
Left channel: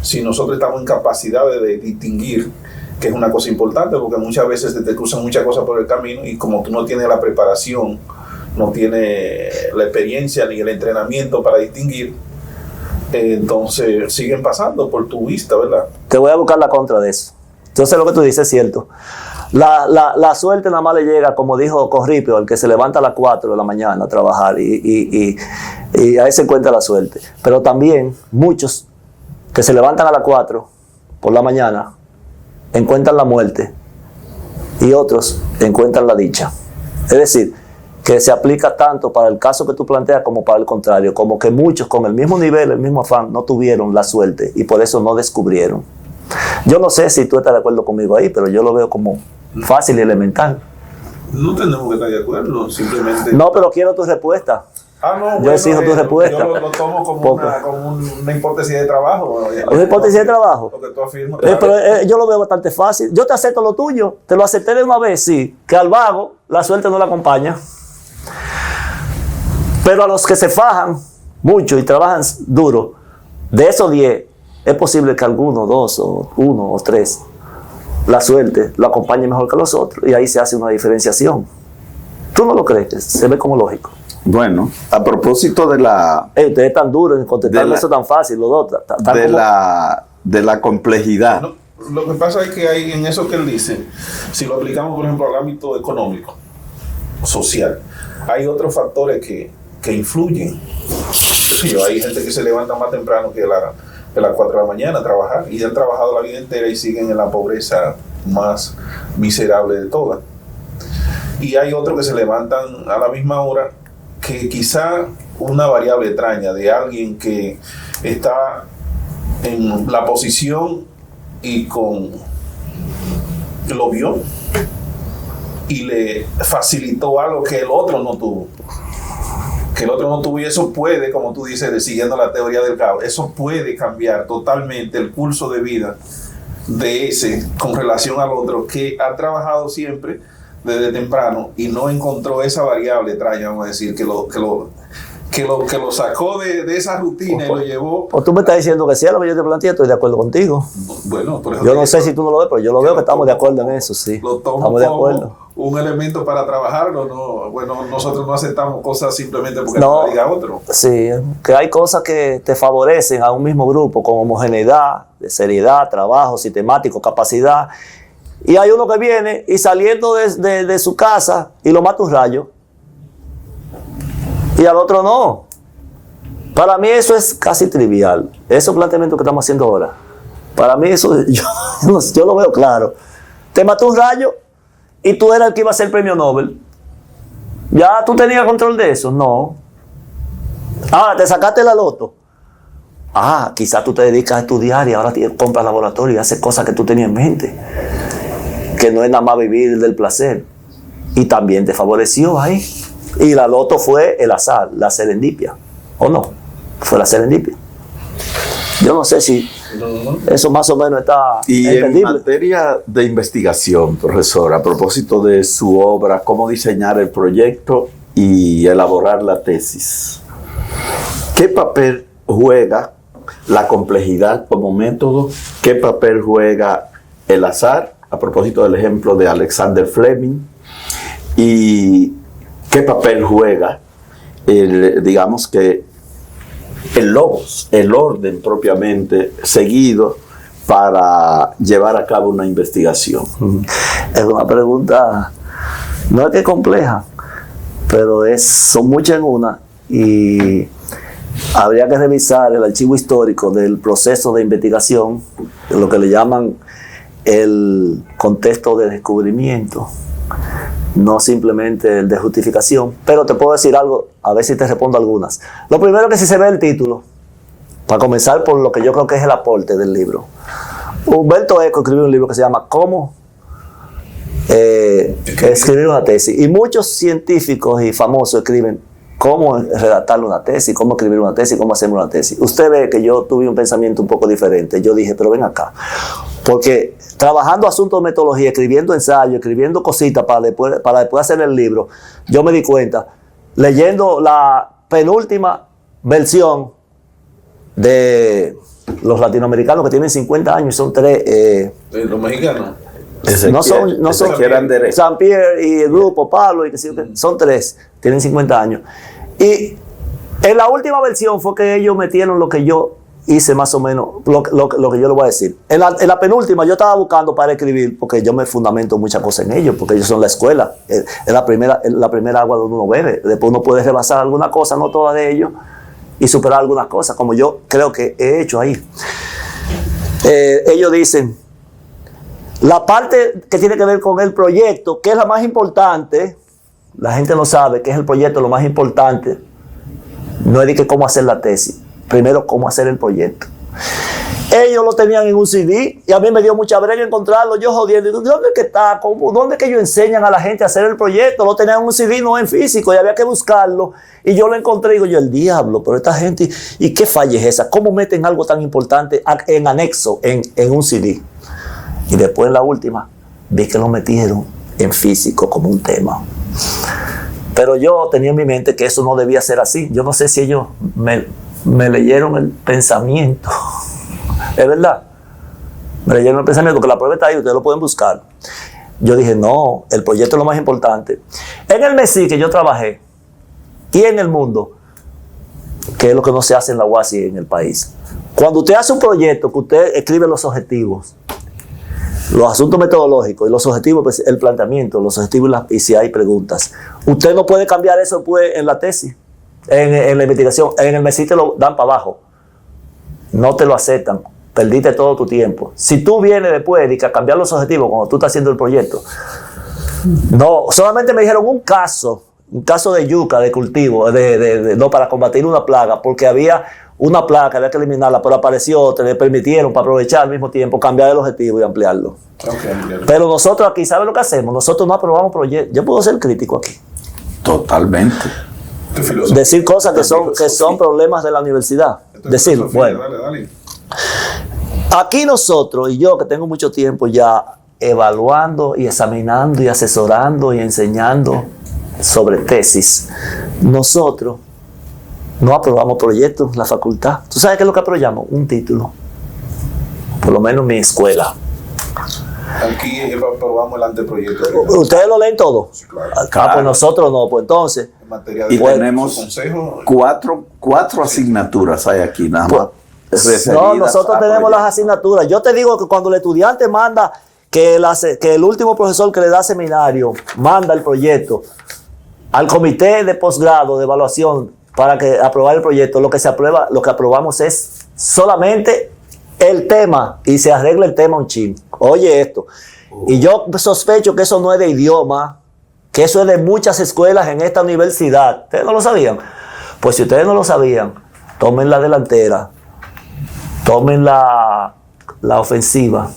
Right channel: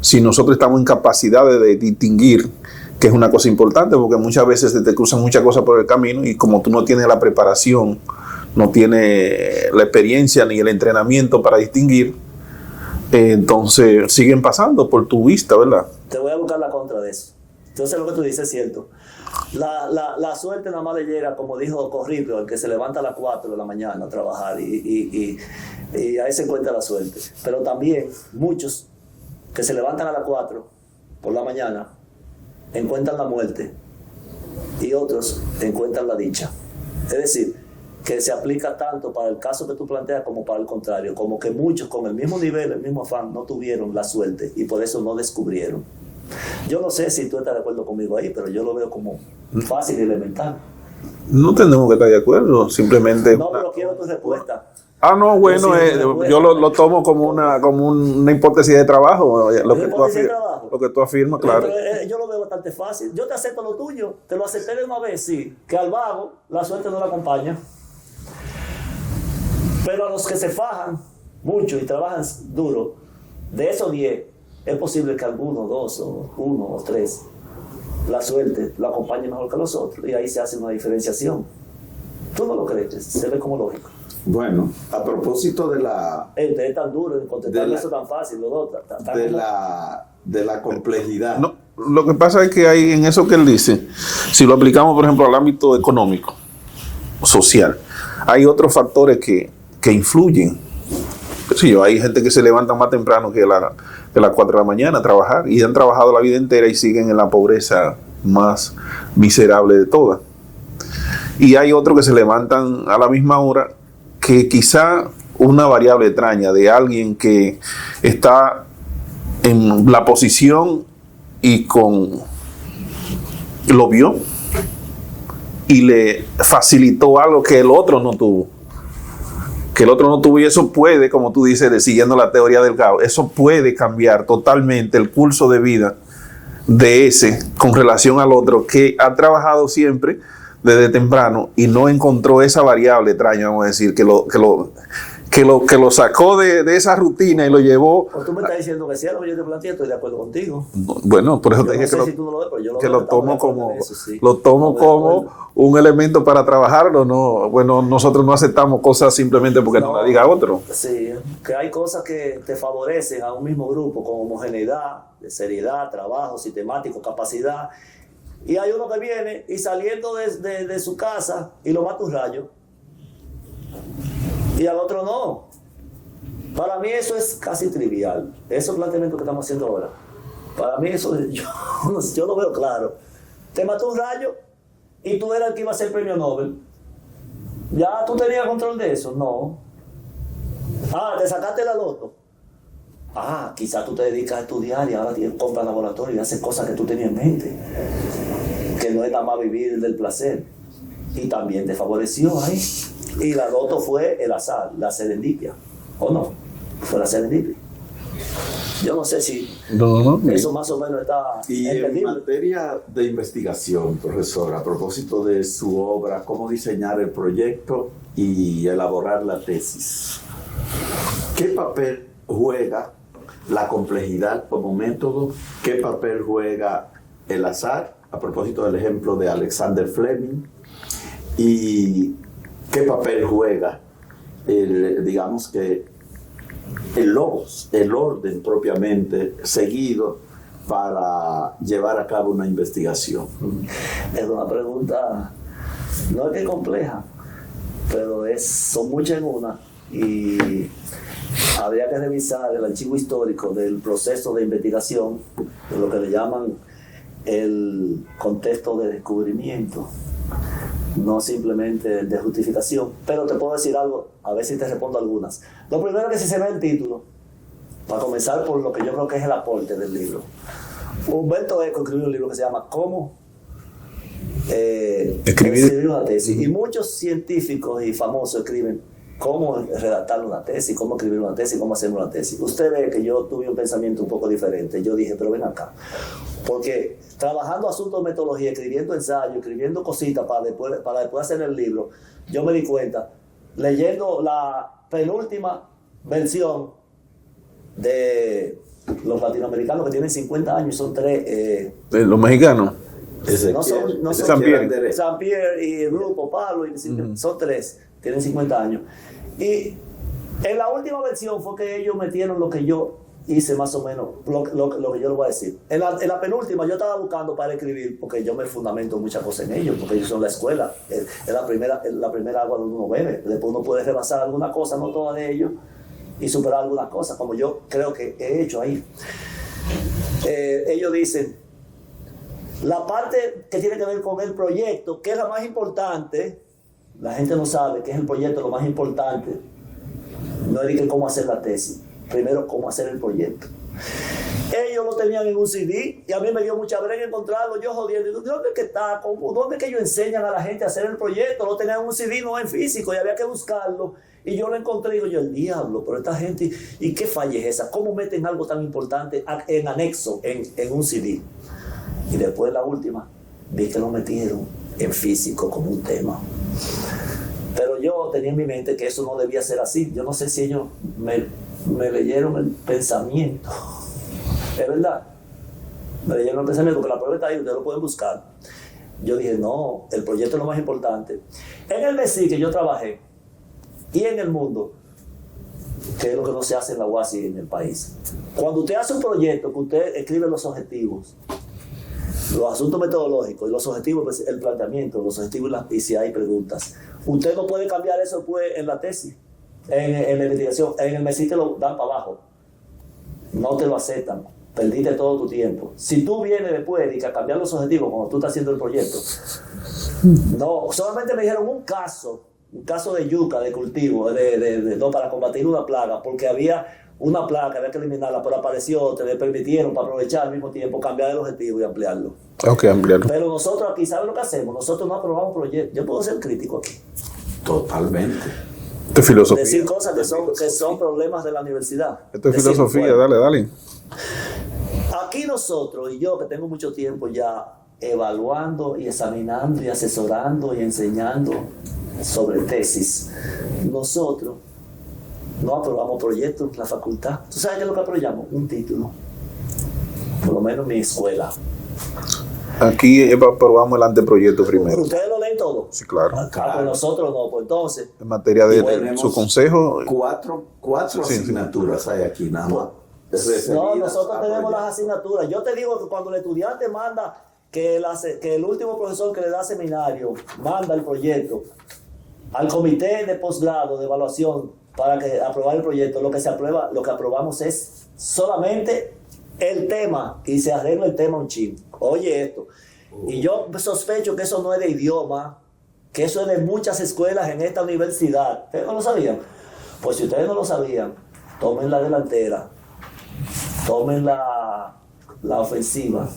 si nosotros estamos en capacidad de distinguir, que es una cosa importante, porque muchas veces se te cruzan muchas cosas por el camino y como tú no tienes la preparación, no tienes la experiencia ni el entrenamiento para distinguir, entonces siguen pasando por tu vista, ¿verdad? Te voy a buscar la contra de eso. Yo sé lo que tú dices, es cierto. La suerte nada más le llega, como dijo Corripio, el que se levanta a las 4 de la mañana a trabajar y ahí se encuentra la suerte. Pero también muchos que se levantan a las 4 por la mañana encuentran la muerte y otros encuentran la dicha. Es decir, que se aplica tanto para el caso que tú planteas como para el contrario, como que muchos con el mismo nivel, el mismo afán, no tuvieron la suerte y por eso no descubrieron. Yo no sé si tú estás de acuerdo conmigo ahí, pero yo lo veo como fácil y elemental. No tenemos que estar de acuerdo, simplemente... No, pero quiero tu respuesta. No, bueno, yo lo tomo como una hipótesis de trabajo. ¿Una hipótesis de trabajo? Lo que tú afirmas, claro. Pero yo lo veo bastante fácil. Yo te acepto lo tuyo, te lo acepté de una vez, sí, que al vago la suerte no le acompaña. Pero a los que se fajan mucho y trabajan duro, de esos 10, es posible que alguno, 2 o 1 o 3, la suerte lo acompañe mejor que los otros y ahí se hace una diferenciación. ¿Tú no lo crees? Se ve como lógico. Bueno, a propósito de la... Ustedes están duros en contestarme eso tan fácil, los dos. De la complejidad. No, lo que pasa es que hay en eso que él dice, si lo aplicamos, por ejemplo, al ámbito económico, social, hay otros factores que influyen. Sí, hay gente que se levanta más temprano que las 4 de la mañana a trabajar y han trabajado la vida entera y siguen en la pobreza más miserable de todas. Y hay otros que se levantan a la misma hora, que quizá una variable extraña de alguien que está en la posición y lo vio y le facilitó algo que el otro no tuvo. Y eso puede, como tú dices, siguiendo la teoría del caos, eso puede cambiar totalmente el curso de vida de ese con relación al otro que ha trabajado siempre desde temprano y no encontró esa variable extraña, vamos a decir, que lo sacó de esa rutina y lo llevó. O tú me estás diciendo que sí, a lo que yo te planteé, estoy de acuerdo contigo. Bueno, por eso yo no sé si tú no lo ves, pero yo lo veo que estamos de acuerdo en eso, sí. Lo tomo como un elemento para trabajarlo, no. Bueno, nosotros no aceptamos cosas simplemente porque no lo diga otro. Sí, que hay cosas que te favorecen a un mismo grupo con homogeneidad, de seriedad, trabajo sistemático, capacidad. Y hay uno que viene y saliendo de su casa y lo mata un rayo. Y al otro no. Para mí eso es casi trivial. Esos planteamientos que estamos haciendo ahora. Para mí eso, yo lo veo claro. Te mató un rayo y tú eras el que iba a ser el premio Nobel. ¿Ya tú tenías control de eso? No. Ahora te sacaste la loto. Quizás tú te dedicas a estudiar y ahora compras laboratorio y haces cosas que tú tenías en mente. Que no es nada más vivir del placer. Y también te favoreció ahí. Y la loto fue el azar, la serendipia. ¿O no? Fue la serendipia. Yo no sé si eso más o menos está Y entendible. en materia de investigación, profesor, a propósito de su obra, cómo diseñar el proyecto y elaborar la tesis, ¿qué papel juega la complejidad como método? ¿Qué papel juega el azar? A propósito del ejemplo de Alexander Fleming. ¿Y qué papel juega, digamos que el logos, el orden propiamente seguido para llevar a cabo una investigación? Es una pregunta, no es que compleja, pero son muchas en una y habría que revisar el archivo histórico del proceso de investigación, lo que le llaman el contexto de descubrimiento, no simplemente el de justificación. Pero te puedo decir algo, a ver si te respondo algunas. Lo primero que si se ve el título, para comenzar por lo que yo creo que es el aporte del libro. Humberto Eco escribió un libro que se llama ¿Cómo escribir una tesis? Y muchos científicos y famosos escriben cómo redactar una tesis, cómo escribir una tesis, cómo hacer una tesis. Usted ve que yo tuve un pensamiento un poco diferente. Yo dije, pero ven acá. Porque trabajando asuntos de metodología, escribiendo ensayos, escribiendo cositas para después hacer el libro, yo me di cuenta, leyendo la penúltima versión de los latinoamericanos que tienen 50 años, son 3. Los mexicanos. No son San Pierre y el grupo Pablo, son 3, tienen 50 años. Y en la última versión fue que ellos metieron lo que yo hice más o menos, lo que yo le voy a decir. En la penúltima yo estaba buscando para escribir, porque yo me fundamento muchas cosas en ellos, porque ellos son la escuela, es la primera agua donde uno bebe. Después uno puede rebasar alguna cosa, no toda de ellos, y superar algunas cosas, como yo creo que he hecho ahí. Ellos dicen, la parte que tiene que ver con el proyecto, que es la más importante, la gente no sabe que es el proyecto lo más importante, no es de que cómo hacer la tesis, primero cómo hacer el proyecto. Ellos lo tenían en un CD y a mí me dio mucha brega encontrarlo, yo jodiendo, ¿dónde es que está? ¿Dónde es que ellos enseñan a la gente a hacer el proyecto? Lo tenían en un CD, no en físico, y había que buscarlo, y yo lo encontré y digo yo, el diablo, pero esta gente, ¿y qué falla es esa? ¿Cómo meten algo tan importante en anexo, en un CD? Y después en la última, vi que lo metieron en físico como un tema. Pero yo tenía en mi mente que eso no debía ser así. Yo no sé si ellos me leyeron el pensamiento. Es verdad. Me leyeron el pensamiento, porque la prueba está ahí, ustedes lo pueden buscar. Yo dije, no, el proyecto es lo más importante. En el MESI que yo trabajé, y en el mundo, que es lo que no se hace en la UASI en el país. Cuando usted hace un proyecto, que usted escribe los objetivos, los asuntos metodológicos y los objetivos, pues el planteamiento, los objetivos y si hay preguntas. Usted no puede cambiar eso después en la tesis, en la investigación. En el MESI te lo dan para abajo. No te lo aceptan. Perdiste todo tu tiempo. Si tú vienes después y a cambiar los objetivos cuando tú estás haciendo el proyecto, no, solamente me dijeron un caso de yuca, de cultivo, no para combatir una plaga, porque había una plaga que había que eliminarla, pero apareció otra, le permitieron para aprovechar al mismo tiempo, cambiar el objetivo y ampliarlo. Okay, ampliarlo. Pero nosotros aquí, ¿sabes lo que hacemos? Nosotros no aprobamos proyectos. Yo puedo ser crítico aquí. Totalmente. Esto es filosofía. Decir cosas que son problemas de la universidad. Esto es filosofía, bueno, dale. Aquí nosotros, y yo que tengo mucho tiempo ya evaluando y examinando y asesorando y enseñando sobre tesis, nosotros no aprobamos proyectos en la facultad. ¿Tú sabes qué es lo que aprobamos? Un título. Por lo menos en mi escuela. Aquí aprobamos el anteproyecto. ¿Ustedes lo leen todo? Sí, claro. Pues nosotros no. Pues entonces... En materia de tenemos su consejo... Cuatro asignaturas hay aquí nada más. No, nosotros tenemos las asignaturas. Yo te digo que cuando el estudiante manda que el último profesor que le da seminario manda el proyecto al comité de posgrado de evaluación para que aprobar el proyecto, lo que aprobamos es solamente el tema y se arregla el tema un chin. Oye esto. Y yo sospecho que eso no es de idioma, que eso es de muchas escuelas en esta universidad. ¿Ustedes no lo sabían? Pues si ustedes no lo sabían, tomen la delantera, tomen la ofensiva,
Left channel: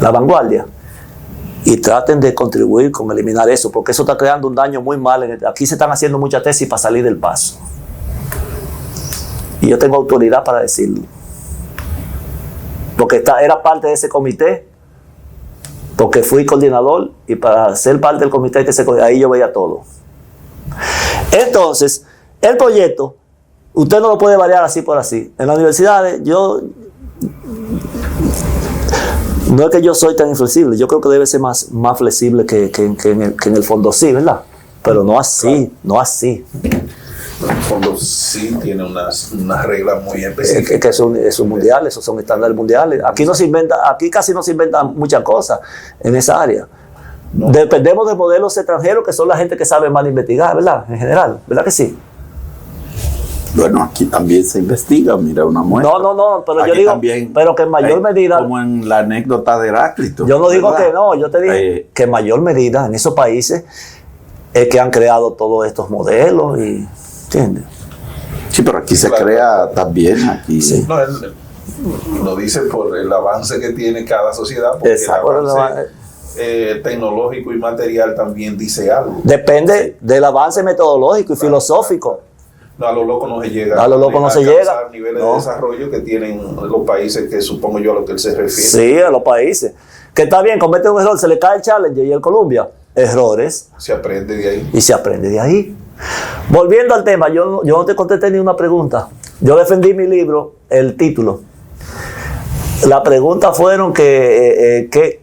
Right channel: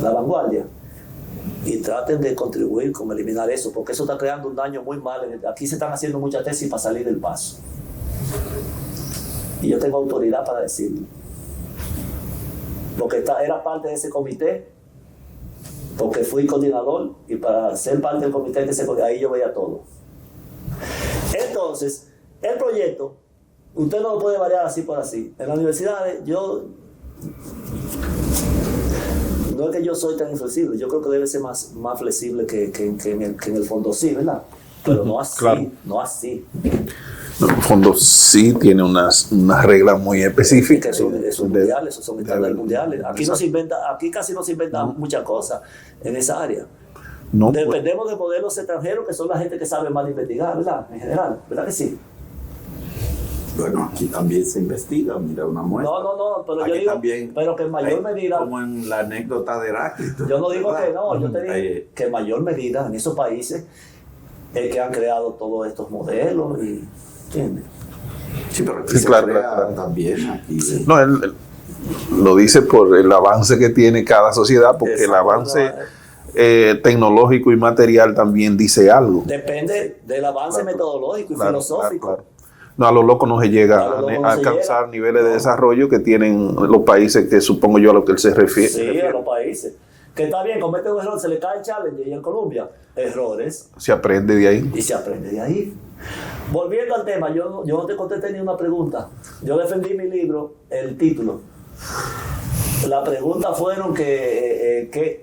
la vanguardia, y traten de contribuir con eliminar eso, porque eso está creando un daño muy mal. Aquí se están haciendo muchas tesis para salir del paso. Y yo tengo autoridad para decirlo. Porque era parte de ese comité, porque fui coordinador, y para ser parte del comité ahí yo veía todo. Entonces, el proyecto, usted no lo puede variar así por así. En las universidades, no es que yo soy tan inflexible, yo creo que debe ser más flexible que en el fondo sí, ¿verdad? Pero no así, claro. No así. En el fondo sí tiene unas reglas muy específicas. Que son mundiales, esos son estándares mundiales. Aquí casi no se inventan muchas cosas en esa área. No, dependemos de modelos extranjeros que son la gente que sabe más investigar, ¿verdad? En general, ¿verdad que sí? Bueno, aquí también se investiga, mira una muestra. No, pero aquí yo digo, también, pero que en mayor medida... Como en la anécdota de Heráclito. Yo no digo que no, yo te digo que en mayor medida en esos países es que han creado todos estos modelos y... ¿Entiendes? Sí, pero aquí se crea también. Aquí. Sí. No, él lo dice por el avance que tiene cada sociedad, porque exacto, el avance tecnológico y material también dice algo. Depende del avance metodológico y filosófico. Claro. No, a lo loco no se llega a alcanzar niveles de desarrollo que tienen los países, que supongo yo a lo que él se refiere. Sí, a los países. Que está bien, comete un error, se le cae el Challenger y el Columbia. Errores. Se aprende de ahí. Y se aprende de ahí. Volviendo al tema, yo no te contesté ni una pregunta. Yo defendí mi libro, el título. La pregunta fueron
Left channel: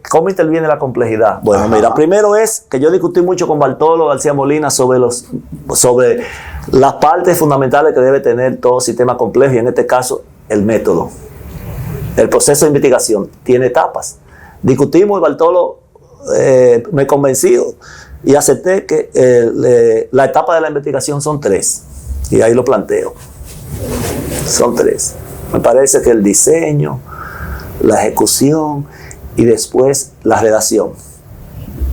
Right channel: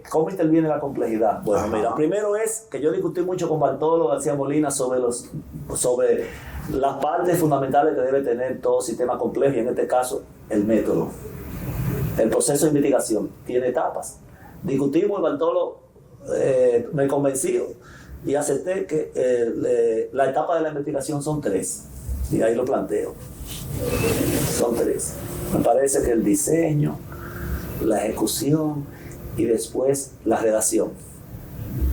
¿cómo interviene la complejidad? Bueno, ajá. Mira, primero es que yo discutí mucho con Bartolo García Molina sobre las partes fundamentales que debe tener todo sistema complejo, y en este caso, el método. El proceso de investigación tiene etapas. Discutimos y Bartolo me convenció y acepté que la etapa de la investigación son 3. Y ahí lo planteo. Son 3. Me parece que el diseño, la ejecución y después la redacción.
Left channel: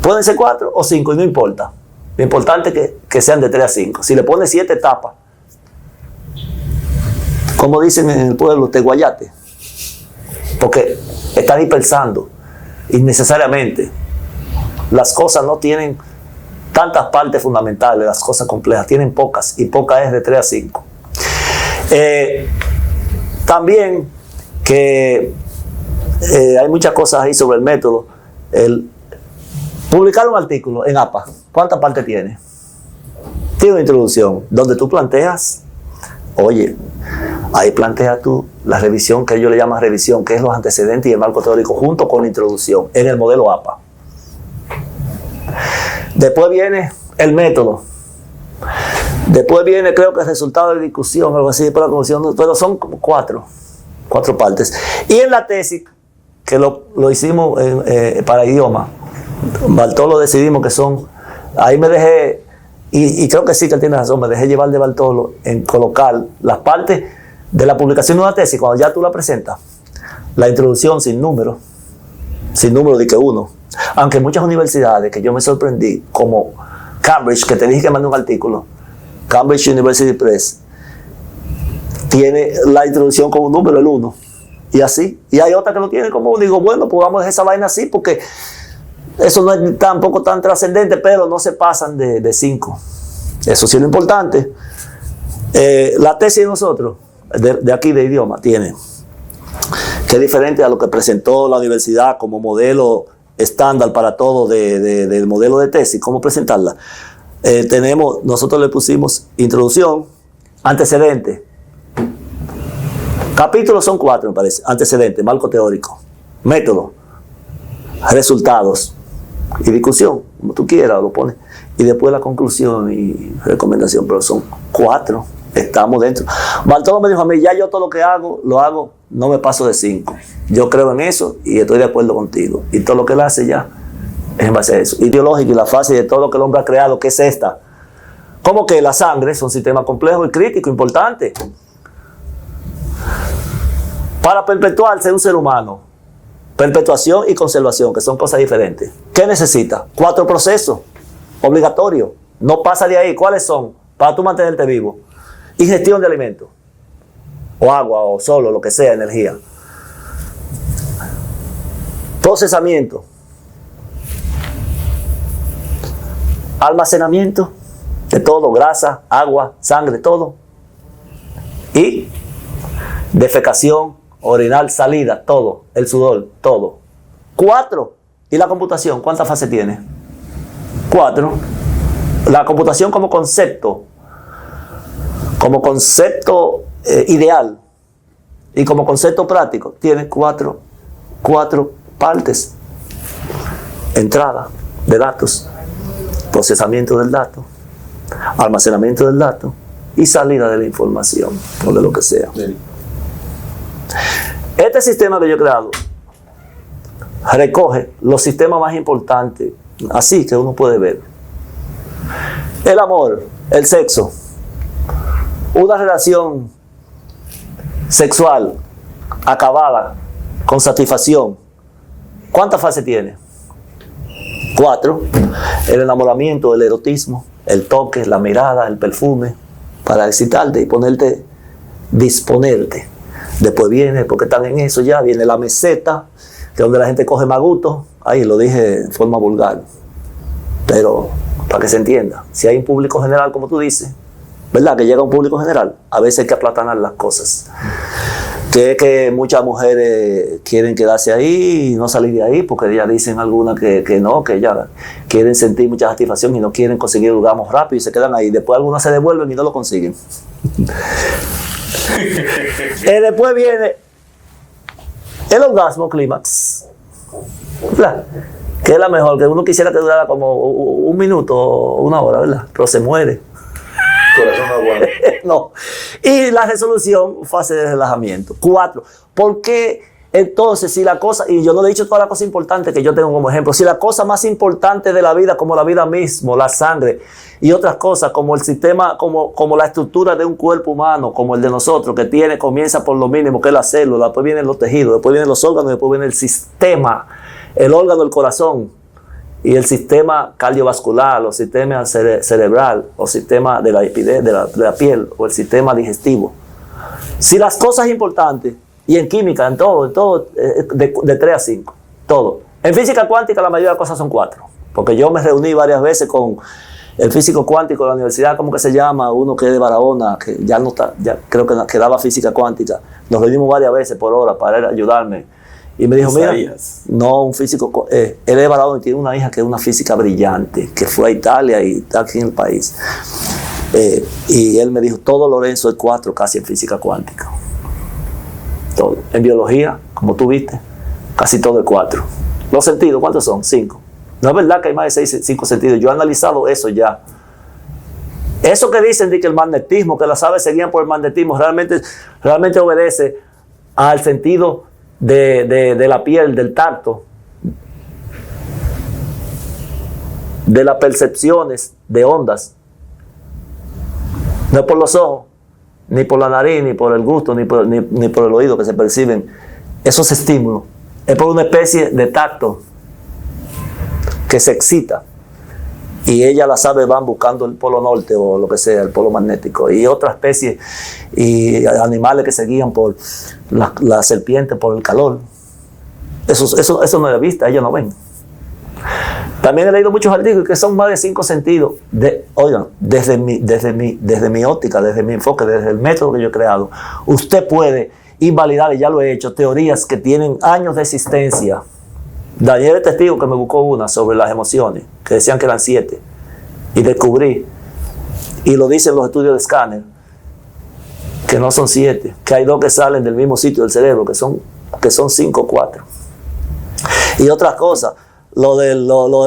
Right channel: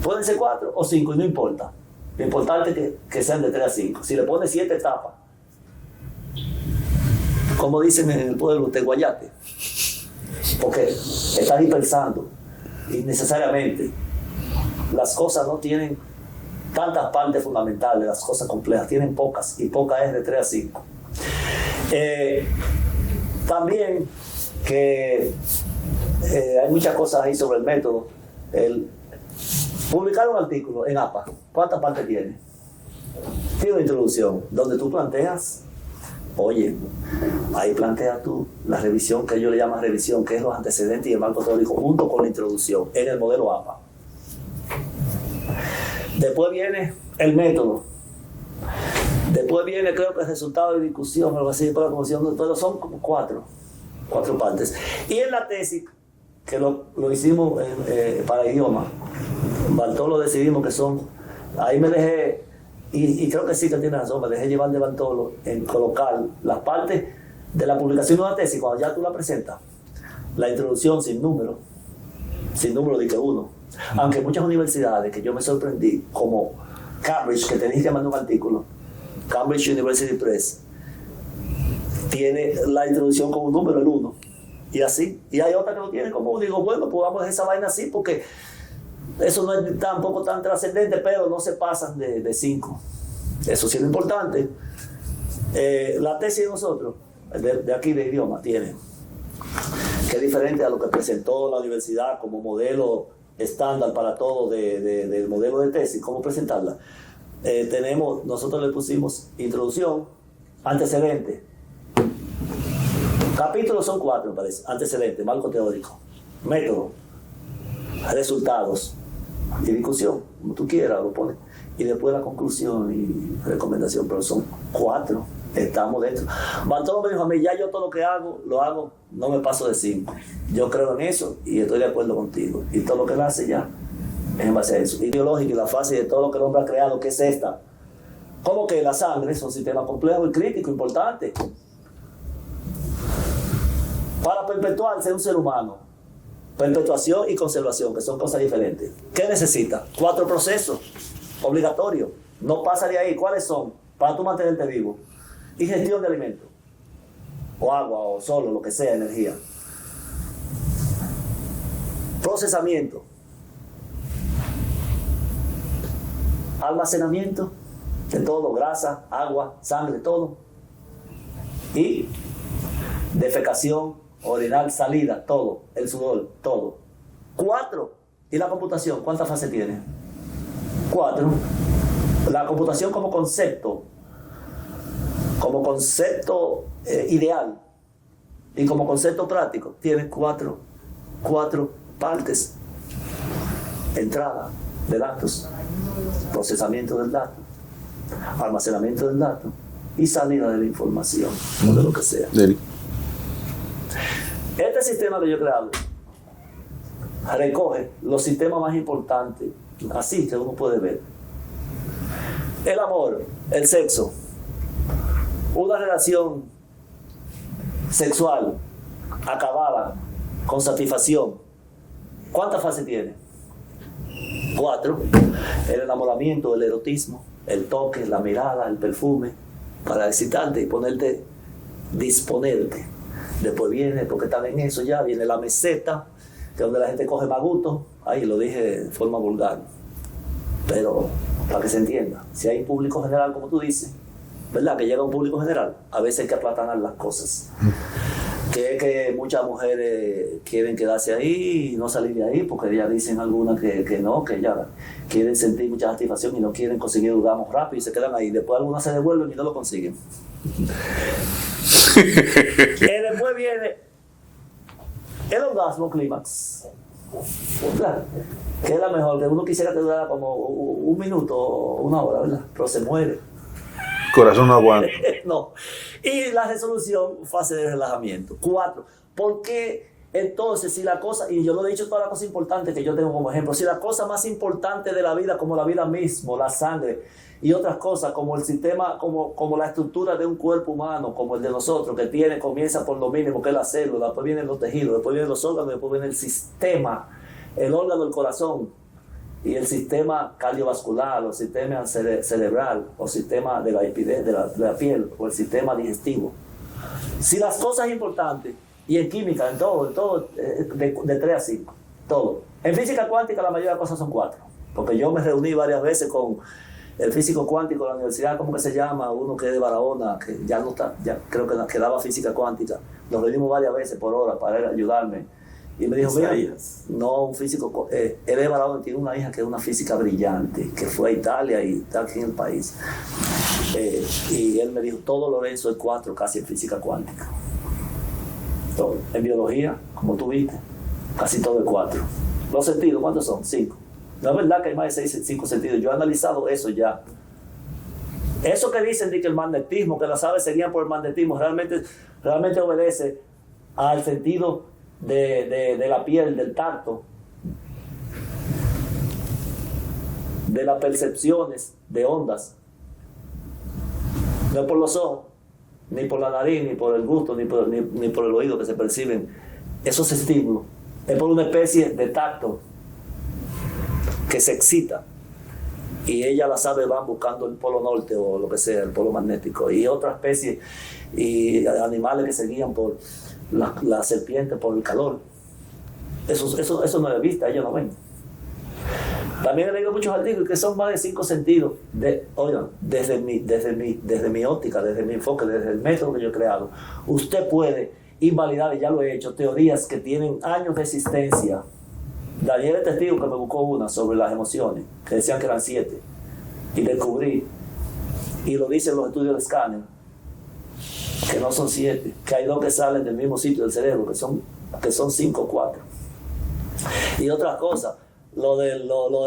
Pueden ser 4 o 5 y no importa. Lo importante es que sean de 3 a 5. Si le pones 7 etapas, como dicen en el pueblo, te guayate. Porque está dispersando innecesariamente. Las cosas no tienen tantas partes fundamentales, las cosas complejas tienen pocas, y pocas es de 3 a 5. También que hay muchas cosas ahí sobre el método. Publicar un artículo en APA, ¿cuántas partes tiene? Tiene una introducción donde tú planteas, oye, ahí planteas tú la revisión, que ellos le llaman revisión, que es los antecedentes y el marco teórico junto con la introducción en el modelo APA. Después viene el método. Después viene, creo que el resultado de discusión, algo así, pero son 4 partes. Y en la tesis, que lo hicimos para idioma, Bartolo decidimos que son, ahí me dejé, y creo que sí que él tiene razón, me dejé llevar de Bartolo en colocar las partes de la publicación de una tesis, cuando ya tú la presentas, la introducción sin número de que 1. Aunque muchas universidades, que yo me sorprendí, como Cambridge, que te dije que mandé un artículo, Cambridge University Press, tiene la introducción con un número, el 1. Y así. Y hay otra que lo tiene como 1. Digo, bueno, pues vamos a dejar esa vaina así, porque eso no es tampoco tan trascendente, pero no se pasan de 5. Eso sí es lo importante. La tesis de nosotros, de aquí de idioma, tiene, que es diferente a lo que presentó la universidad como modelo estándar para todo del modelo de tesis, cómo presentarla. Nosotros le pusimos introducción, antecedente. Capítulos son 4, me parece. Antecedente, marco teórico, método, resultados y discusión, como tú quieras, lo pones. Y después la conclusión y recomendación, pero son 4. Estamos dentro. Bartolo me dijo a mí, ya yo todo lo que hago, lo hago, no me paso de 5. Yo creo en eso y estoy de acuerdo contigo. Y todo lo que él hace ya es en base a eso. Ideológico y la fase de todo lo que el hombre ha creado, que es esta. Como que la sangre es un sistema complejo y crítico, importante. Para perpetuarse un ser humano, perpetuación y conservación, que son cosas diferentes. ¿Qué necesita? 4 procesos obligatorios. No pasa de ahí. ¿Cuáles son? Para tú mantenerte vivo. Ingestión de alimentos. O agua, o solo, lo que sea, energía. Procesamiento. Almacenamiento de todo, grasa, agua, sangre, todo. Y defecación, orinal, salida, todo. El sudor, todo. 4. ¿Y la computación? ¿Cuántas fases tiene? 4. La computación como concepto ideal y como concepto práctico, tiene 4 partes. Entrada de datos, procesamiento del dato, almacenamiento del dato y salida de la información, o de lo que sea. Este sistema que yo he creado recoge los sistemas más importantes, así que uno puede ver. El amor, el sexo, una relación sexual acabada, con satisfacción. ¿Cuántas fases tiene? 4. El enamoramiento, el erotismo, el toque, la mirada, el perfume, para excitarte y disponerte. Después viene, porque están en eso ya, viene la meseta, que es donde la gente coge maguto. Ahí lo dije de forma vulgar. Pero para que se entienda, si hay un público general, como tú dices, ¿verdad? Que llega un público general, a veces hay que aplatanar las cosas. Que muchas mujeres quieren quedarse ahí y no salir de ahí, porque ellas dicen algunas que no, que ya quieren sentir mucha satisfacción y no quieren conseguir orgasmos rápido y se quedan ahí. Después algunas se devuelven y no lo consiguen. Después viene el orgasmo clímax, que es la mejor, que uno quisiera que durara como 1 minuto o 1 hora, ¿verdad? Pero se muere. Corazón no aguanta. No. Y la resolución, fase de relajamiento. 4. ¿Por qué entonces si la cosa, y yo no he dicho todas las cosas importantes que yo tengo como ejemplo, si la cosa más importante de la vida, como la vida mismo, la sangre y otras cosas, como el sistema, como la estructura de un cuerpo humano, como el de nosotros, que comienza por lo mínimo, que es la célula, después vienen los tejidos, después vienen los órganos, después viene el sistema, el órgano del corazón, y el sistema cardiovascular, los sistemas cerebral, o sistema de la piel, o el sistema digestivo. Si las cosas importantes, y en química, en todo, de 3 a 5, todo. En física cuántica la mayoría de las cosas son 4, porque yo me reuní varias veces con el físico cuántico de la universidad, ¿cómo que se llama? Uno que es de Barahona, que ya no está, ya creo que daba física cuántica. Nos reunimos varias veces por hora para ayudarme. Y me dijo, mira, no, un físico, él es Barahona y tiene una hija que es una física brillante, que fue a Italia y está aquí en el país. Y él me dijo, todo Lorenzo es 4 casi en física cuántica. Todo. En biología, como tú viste, casi todo es 4. Los sentidos, ¿cuántos son? 5. No es verdad que hay más de 5 sentidos. Yo he analizado eso ya. Eso que dicen de que el magnetismo, que las aves se guían por el magnetismo, realmente obedece al sentido de la piel, del tacto, de las percepciones de ondas. No es por los ojos, ni por la nariz, ni por el gusto, ni por el oído que se perciben esos estímulos. Es por una especie de tacto que se excita. Y ellas, las aves, van buscando el polo norte o lo que sea, el polo magnético. Y otra especie, y animales que se guían por la serpiente, por el calor. Eso no es de vista, ellos no ven. También he leído muchos artículos que son más de 5 sentidos. Oigan, desde mi óptica, desde mi enfoque, desde el método que yo he creado, usted puede invalidar, y ya lo he hecho, teorías que tienen años de existencia. Daniel es testigo que me buscó una sobre las emociones, que decían que eran 7. Y descubrí, y lo dicen los estudios de escáner, que no son 7, que hay 2 que salen del mismo sitio del cerebro, que son 5 o 4. Y otras cosas, lo de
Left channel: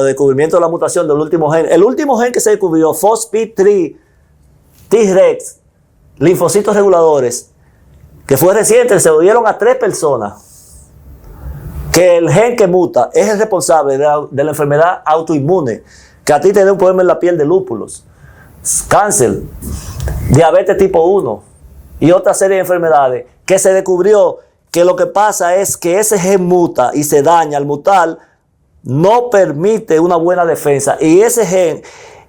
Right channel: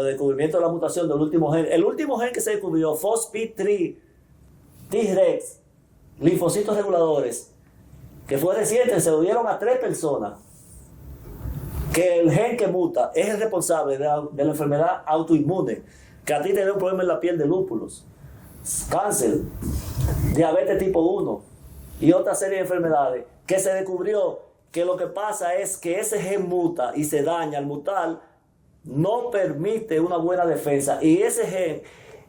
descubrimiento de la mutación del último gen. El último gen que se descubrió, FOXP3 T-Rex, linfocitos reguladores, que fue reciente, se lo dieron a 3 personas, que el gen que muta es el responsable de la enfermedad autoinmune, que a ti te da un problema en la piel de lúpulos, cáncer, diabetes tipo 1 y otra serie de enfermedades, que se descubrió que lo que pasa es que ese gen muta y se daña. Al mutar no permite una buena defensa, y ese gen,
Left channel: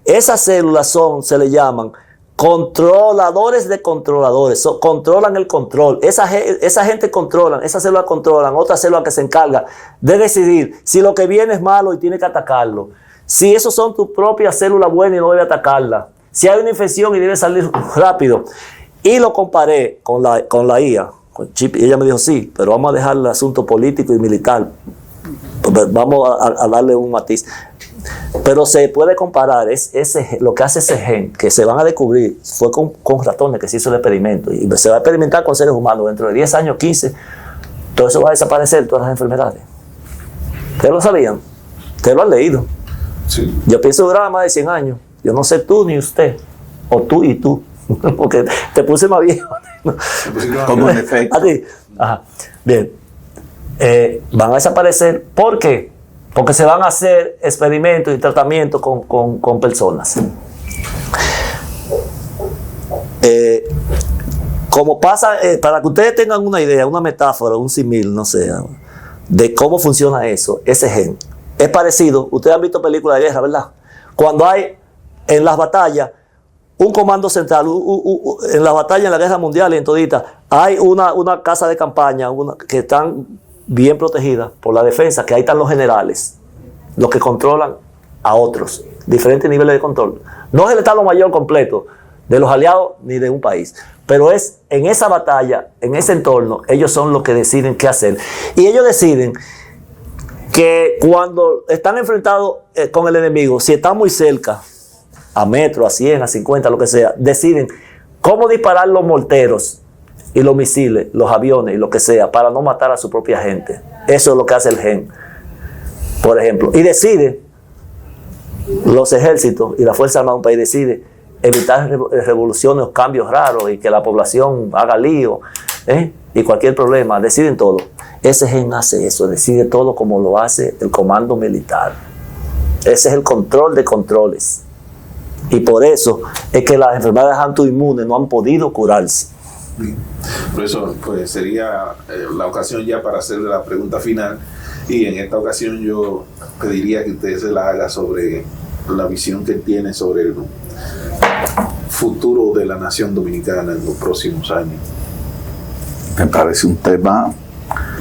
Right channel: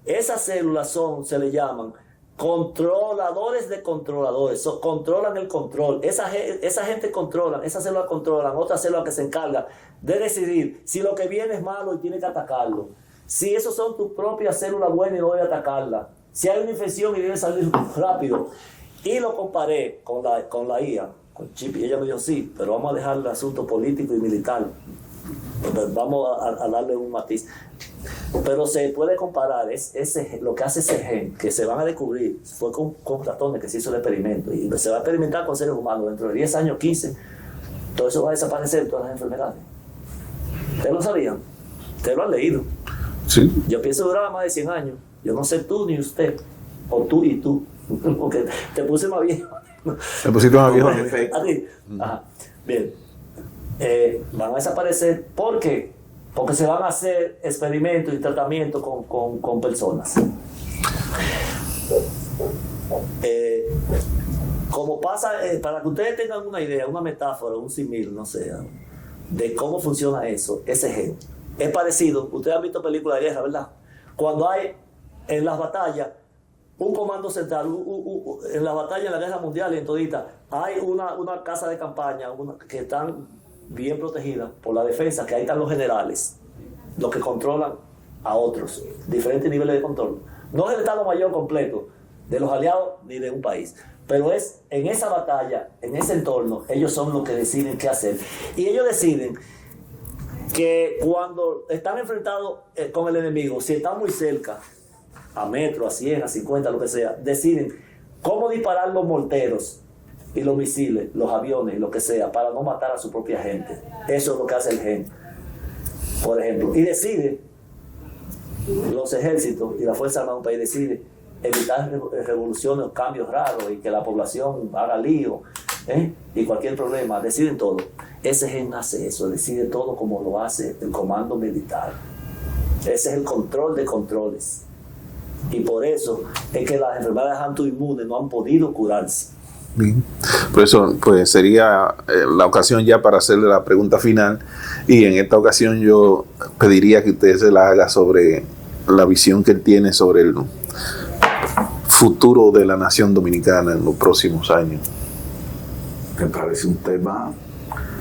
esas células se le llaman controladores de controladores, controlan el control. Esa gente controlan, esas células controlan otras células que se encargan de decidir si lo que viene es malo y tiene que atacarlo, si esos son tus propias células buenas y no debe atacarlas, si hay una infección y debe salir rápido. Y lo comparé con la IA, con Chip, y ella me dijo, sí, pero vamos a dejar el asunto político y militar, vamos a darle un matiz. Pero se puede comparar, lo que hace ese gen, que se van a descubrir, fue con ratones que se hizo el experimento, y se va a experimentar con seres humanos. Dentro de 10 años, 15, todo eso va a desaparecer, todas las enfermedades. ¿Ustedes lo sabían? ¿Ustedes lo han leído? Sí. Yo pienso durar más de 100 años. Yo no sé tú ni usted, o tú y tú, porque te puse más viejo. Te pusiste más Como viejo. en efecto. A ti. Ajá. Bien. Van a desaparecer. ¿Por qué? Porque se van a hacer experimentos y tratamientos con personas. Como pasa, para que ustedes tengan una idea, una metáfora, un símil, no sé, de cómo funciona eso, ese gen. Es parecido, ustedes han visto películas de guerra, ¿verdad? Cuando hay en las batallas un comando central, en las batallas en la guerra mundial y en todita, hay una casa de campaña que están bien protegidas por la defensa, que ahí están los generales, los que controlan a otros, diferentes niveles de control. No es el Estado Mayor completo de los aliados ni de un país, pero es en esa batalla, en ese entorno, ellos son los que deciden qué hacer. Y ellos deciden que cuando están enfrentados con el enemigo, si están muy cerca, a metro, a 100, a 50, lo que sea, deciden cómo disparar los morteros y los misiles, los aviones y lo que sea, para no matar a su propia gente. Eso es lo que hace el gen, por ejemplo. Y decide, los ejércitos y la Fuerza Armada de un país decide evitar revoluciones o cambios raros y que la población haga lío, y cualquier problema, deciden todo. Ese gen hace eso, decide todo como lo hace el comando militar. Ese es el control de controles. Y por eso es que las enfermedades autoinmunes no han podido curarse. Bien. Por eso, pues sería la ocasión ya para hacerle la pregunta final, y en esta ocasión yo pediría que usted se la haga sobre la visión que él tiene sobre el futuro de la nación dominicana en los próximos años. Me parece un tema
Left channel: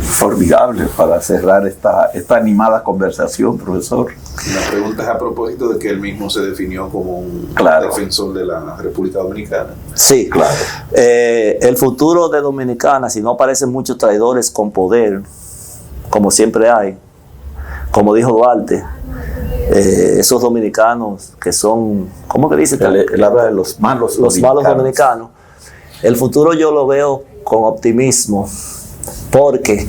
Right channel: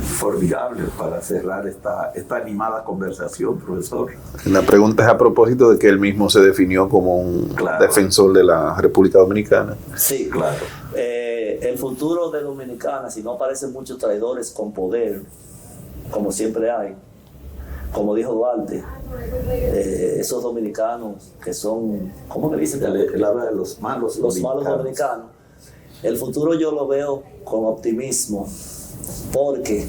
formidable para cerrar esta animada conversación, profesor. La pregunta es a propósito de que él mismo se definió como un defensor de la República Dominicana. Sí, Claro. El futuro de Dominicana, si no aparecen muchos traidores con poder, como siempre hay, como dijo Duarte, esos dominicanos que son, ¿cómo que dice? Él habla de los malos dominicanos. El futuro yo lo veo con optimismo, porque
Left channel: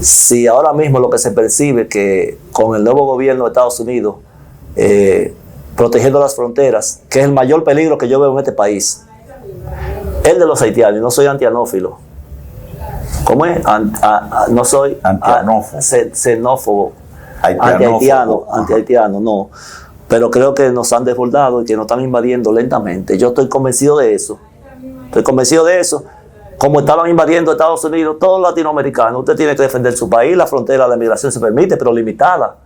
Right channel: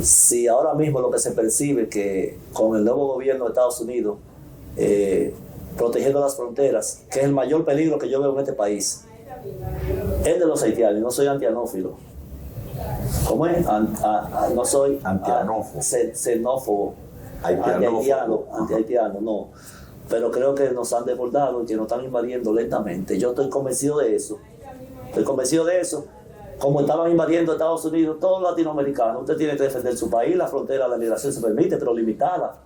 si ahora mismo lo que se percibe que con el nuevo gobierno de Estados Unidos protegiendo las fronteras, que es el mayor peligro que yo veo en este país, el de los haitianos, y no soy antianófilo. ¿Cómo es? No soy xenófobo, anti-haitiano, no. Pero creo que nos han desbordado y que nos están invadiendo lentamente. Yo estoy convencido de eso. Como estaban invadiendo Estados Unidos, todos los latinoamericanos. Usted tiene que defender su país, la frontera de la migración se permite, pero limitada,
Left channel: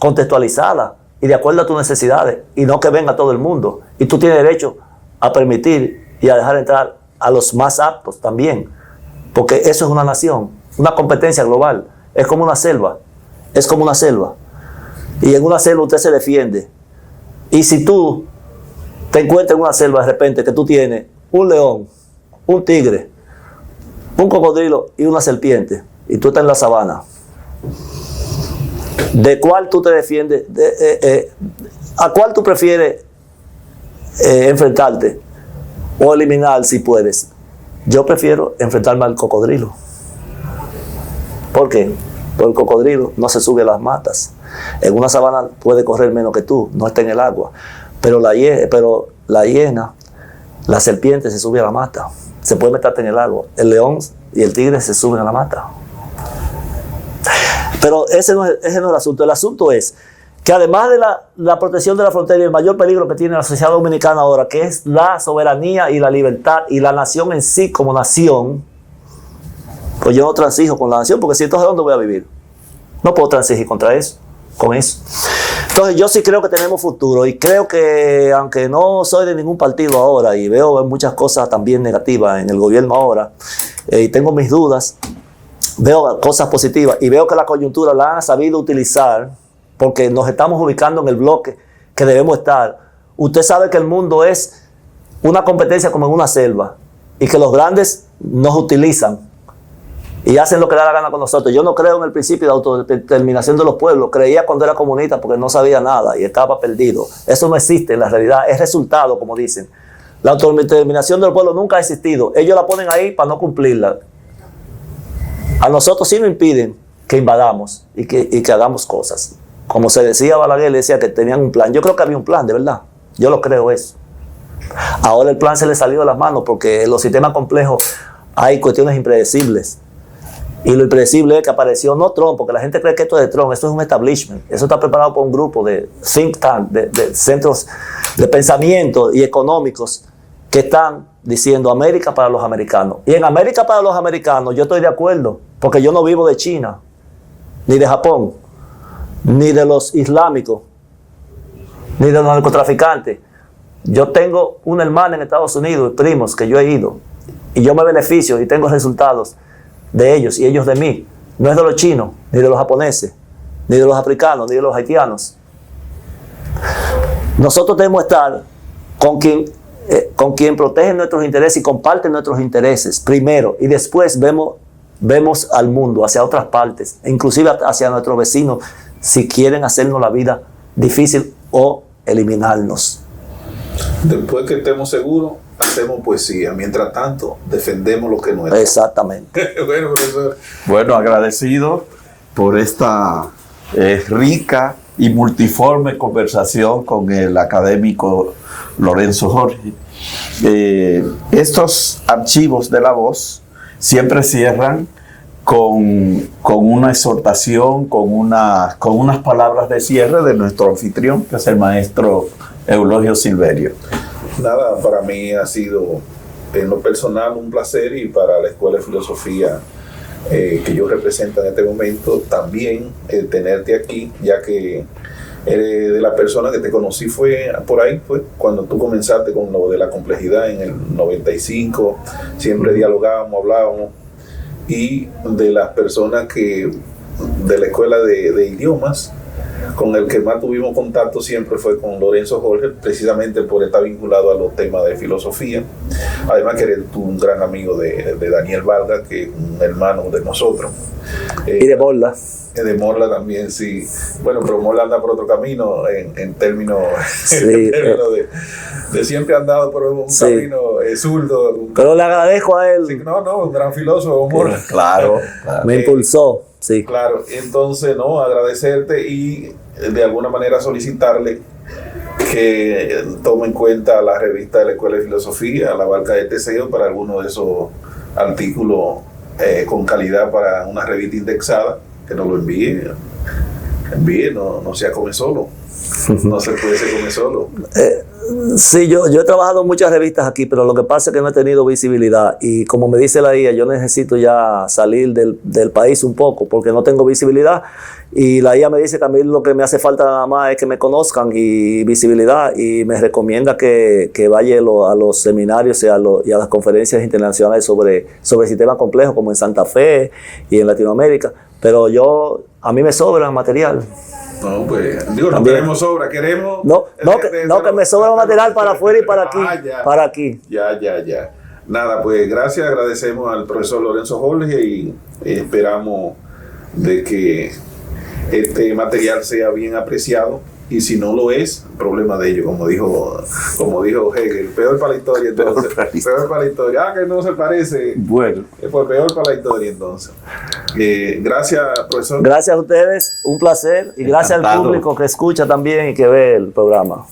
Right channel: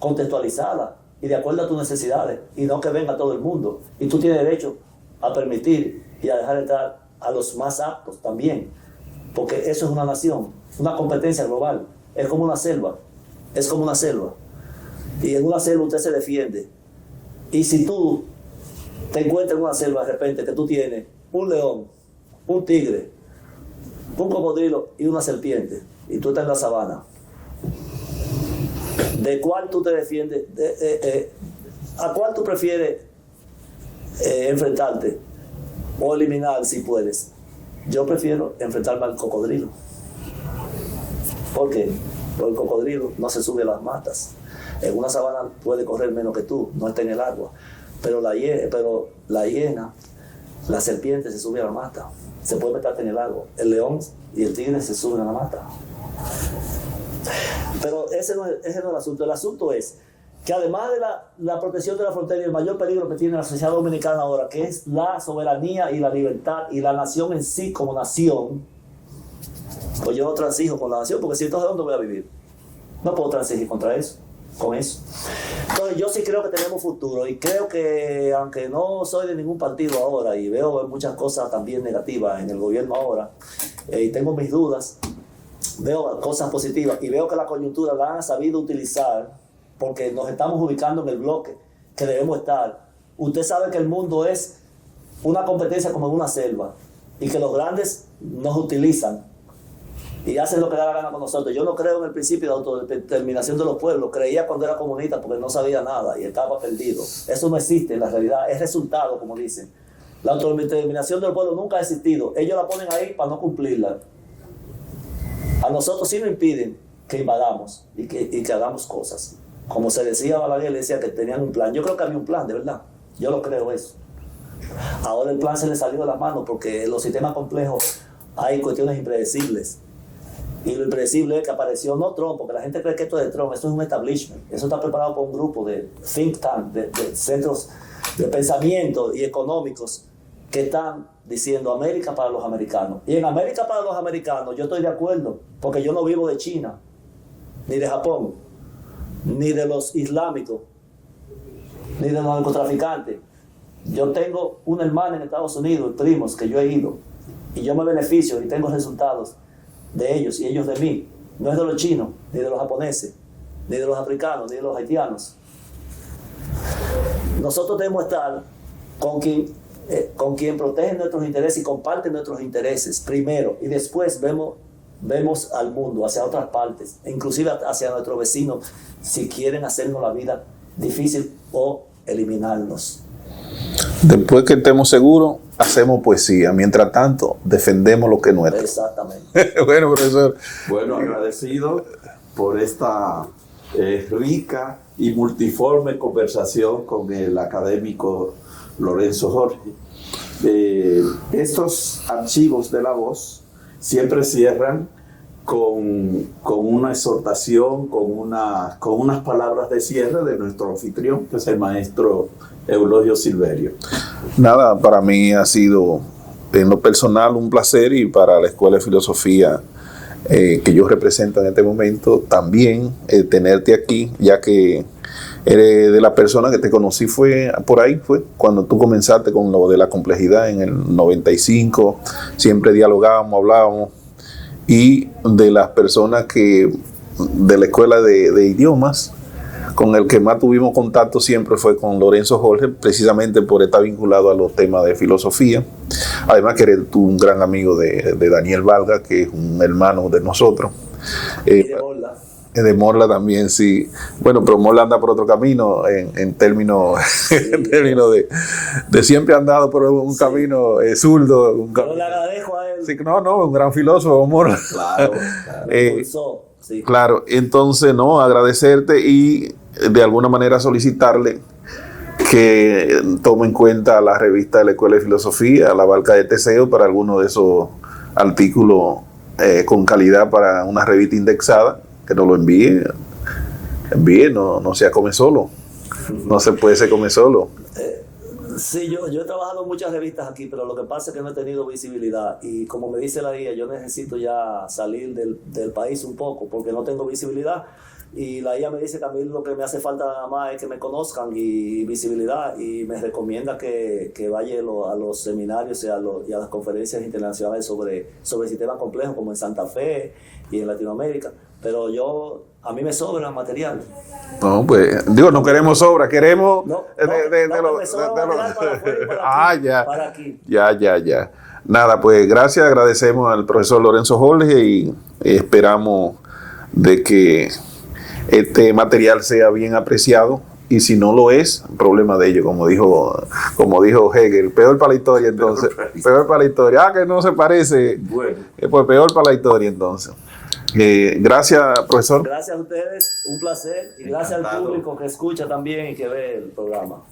contextualizada y de acuerdo a tus necesidades, y no que venga todo el mundo. Y tú tienes derecho a permitir y a dejar entrar a los más aptos también, porque eso es una nación, una competencia global. Es como una selva, y en una selva usted se defiende. Y si tú te encuentras en una selva de repente que tú tienes un león, un tigre, un cocodrilo y una serpiente, y tú estás en la sabana, ¿de cuál tú te defiendes? ¿A cuál tú prefieres enfrentarte o eliminar si puedes? Yo prefiero enfrentarme al cocodrilo. ¿Por qué? Porque el cocodrilo no se sube a las matas. En una sabana puede correr menos que tú, no está en el agua. Pero la hiena La serpiente se sube a la mata, se puede meterte en el lago. El león y el tigre se suben a la mata. Pero ese no es el asunto. El asunto es que además de la protección de la frontera y el mayor peligro que tiene la sociedad dominicana ahora, que es la soberanía y la libertad y la nación en sí como nación, pues yo no transijo con la nación, porque si entonces ¿dónde voy a vivir? No puedo transigir con eso. Entonces yo sí creo que tenemos futuro, y creo que, aunque no soy de ningún partido ahora y veo muchas cosas también negativas en el gobierno ahora, y tengo mis dudas, veo cosas positivas y veo que la coyuntura la han sabido utilizar, porque nos estamos ubicando en el bloque que debemos estar. Usted sabe que el mundo es una competencia como en una selva, y que los grandes nos utilizan y hacen lo que da la gana con nosotros. Yo no creo en el principio de autodeterminación de los pueblos. Creía cuando era comunista porque no sabía nada y estaba perdido. Eso no existe en la realidad. Es resultado, como dicen. La autodeterminación del pueblo nunca ha existido. Ellos la ponen ahí para no cumplirla. A nosotros sí nos impiden que invadamos y que hagamos cosas. Como se decía Balaguer, decía que tenían un plan. Yo creo que había un plan, de verdad. Yo lo creo eso. Ahora el plan se le salió de las manos porque en los sistemas complejos hay cuestiones impredecibles. Y lo impredecible es que apareció no Trump, porque la gente cree que esto es de Trump, esto es un establishment. Eso está preparado por un grupo de think tank, de centros de pensamiento y económicos que están diciendo América para los americanos. Y en América para los americanos yo estoy de acuerdo, porque yo no vivo de China, ni de Japón, ni de los islámicos, ni de los narcotraficantes. Yo tengo una hermana en Estados Unidos, primos que yo he ido, y yo me beneficio y tengo resultados de ellos y ellos de mí. No es de los chinos, ni de los japoneses, ni de los africanos, ni de los haitianos. Nosotros debemos estar con quien protege nuestros intereses y comparte nuestros intereses primero, y después vemos al mundo, hacia otras partes, inclusive hacia nuestros vecinos, si quieren hacernos la vida difícil o eliminarnos. Después que estemos seguros, hacemos poesía. Mientras tanto, defendemos lo que no es. Exactamente. Bueno, profesor. Bueno, agradecido por esta rica y multiforme conversación con el académico Lorenzo Jorge. Estos archivos de La Voz siempre cierran con una exhortación, con unas palabras de cierre de nuestro anfitrión, que es el maestro Eulogio Silverio. Nada, para mí ha sido en lo personal un placer, y para la Escuela de Filosofía que yo represento en este momento también tenerte aquí, ya que eres de la persona que te conocí fue cuando tú comenzaste con lo de la complejidad en el 95, siempre dialogábamos, hablábamos, y de las personas que de la Escuela de Idiomas, con el que más tuvimos contacto siempre fue con Lorenzo Jorge, precisamente por estar vinculado a los temas de filosofía. Además que eres tú un gran amigo de Daniel Valga, que es un hermano de nosotros. Y de Morla. De Morla también, sí. Bueno, pero Morla anda por otro camino en términos, sí, de siempre ha andado por un camino zurdo. Pero le agradezco a él. Sí, un gran filósofo, Morla. Claro. Me impulsó. Sí. Claro, entonces, agradecerte y de alguna manera solicitarle que tome en cuenta la revista de la Escuela de Filosofía, la Barca de Teseo, para alguno de esos artículos con calidad para una revista indexada, que nos lo envíe, no sea come solo. No se puede ser come solo. Sí, yo he trabajado en muchas revistas aquí, pero lo que pasa es que no he tenido visibilidad, y como me dice la IA, yo necesito ya salir del país un poco porque no tengo visibilidad, y la IA me dice que a mí lo que me hace falta nada más es que me conozcan y visibilidad, y me recomienda que vaya a los seminarios y a las conferencias internacionales sobre sistemas complejos, como en Santa Fe y en Latinoamérica, pero a mí me sobra material. No, pues, no queremos sobra, queremos... que me sobra material para afuera y para aquí. Para aquí. Ya. Nada, pues gracias, agradecemos al profesor Lorenzo Jorge y esperamos de que este material sea bien apreciado, y si no lo es, problema de ello, como dijo Hegel, peor para la historia entonces. Peor para la historia. Que no se parece. Bueno. Pues peor para la historia entonces. Gracias, profesor. Gracias a ustedes, un placer, y gracias al público que escucha también y que ve el programa.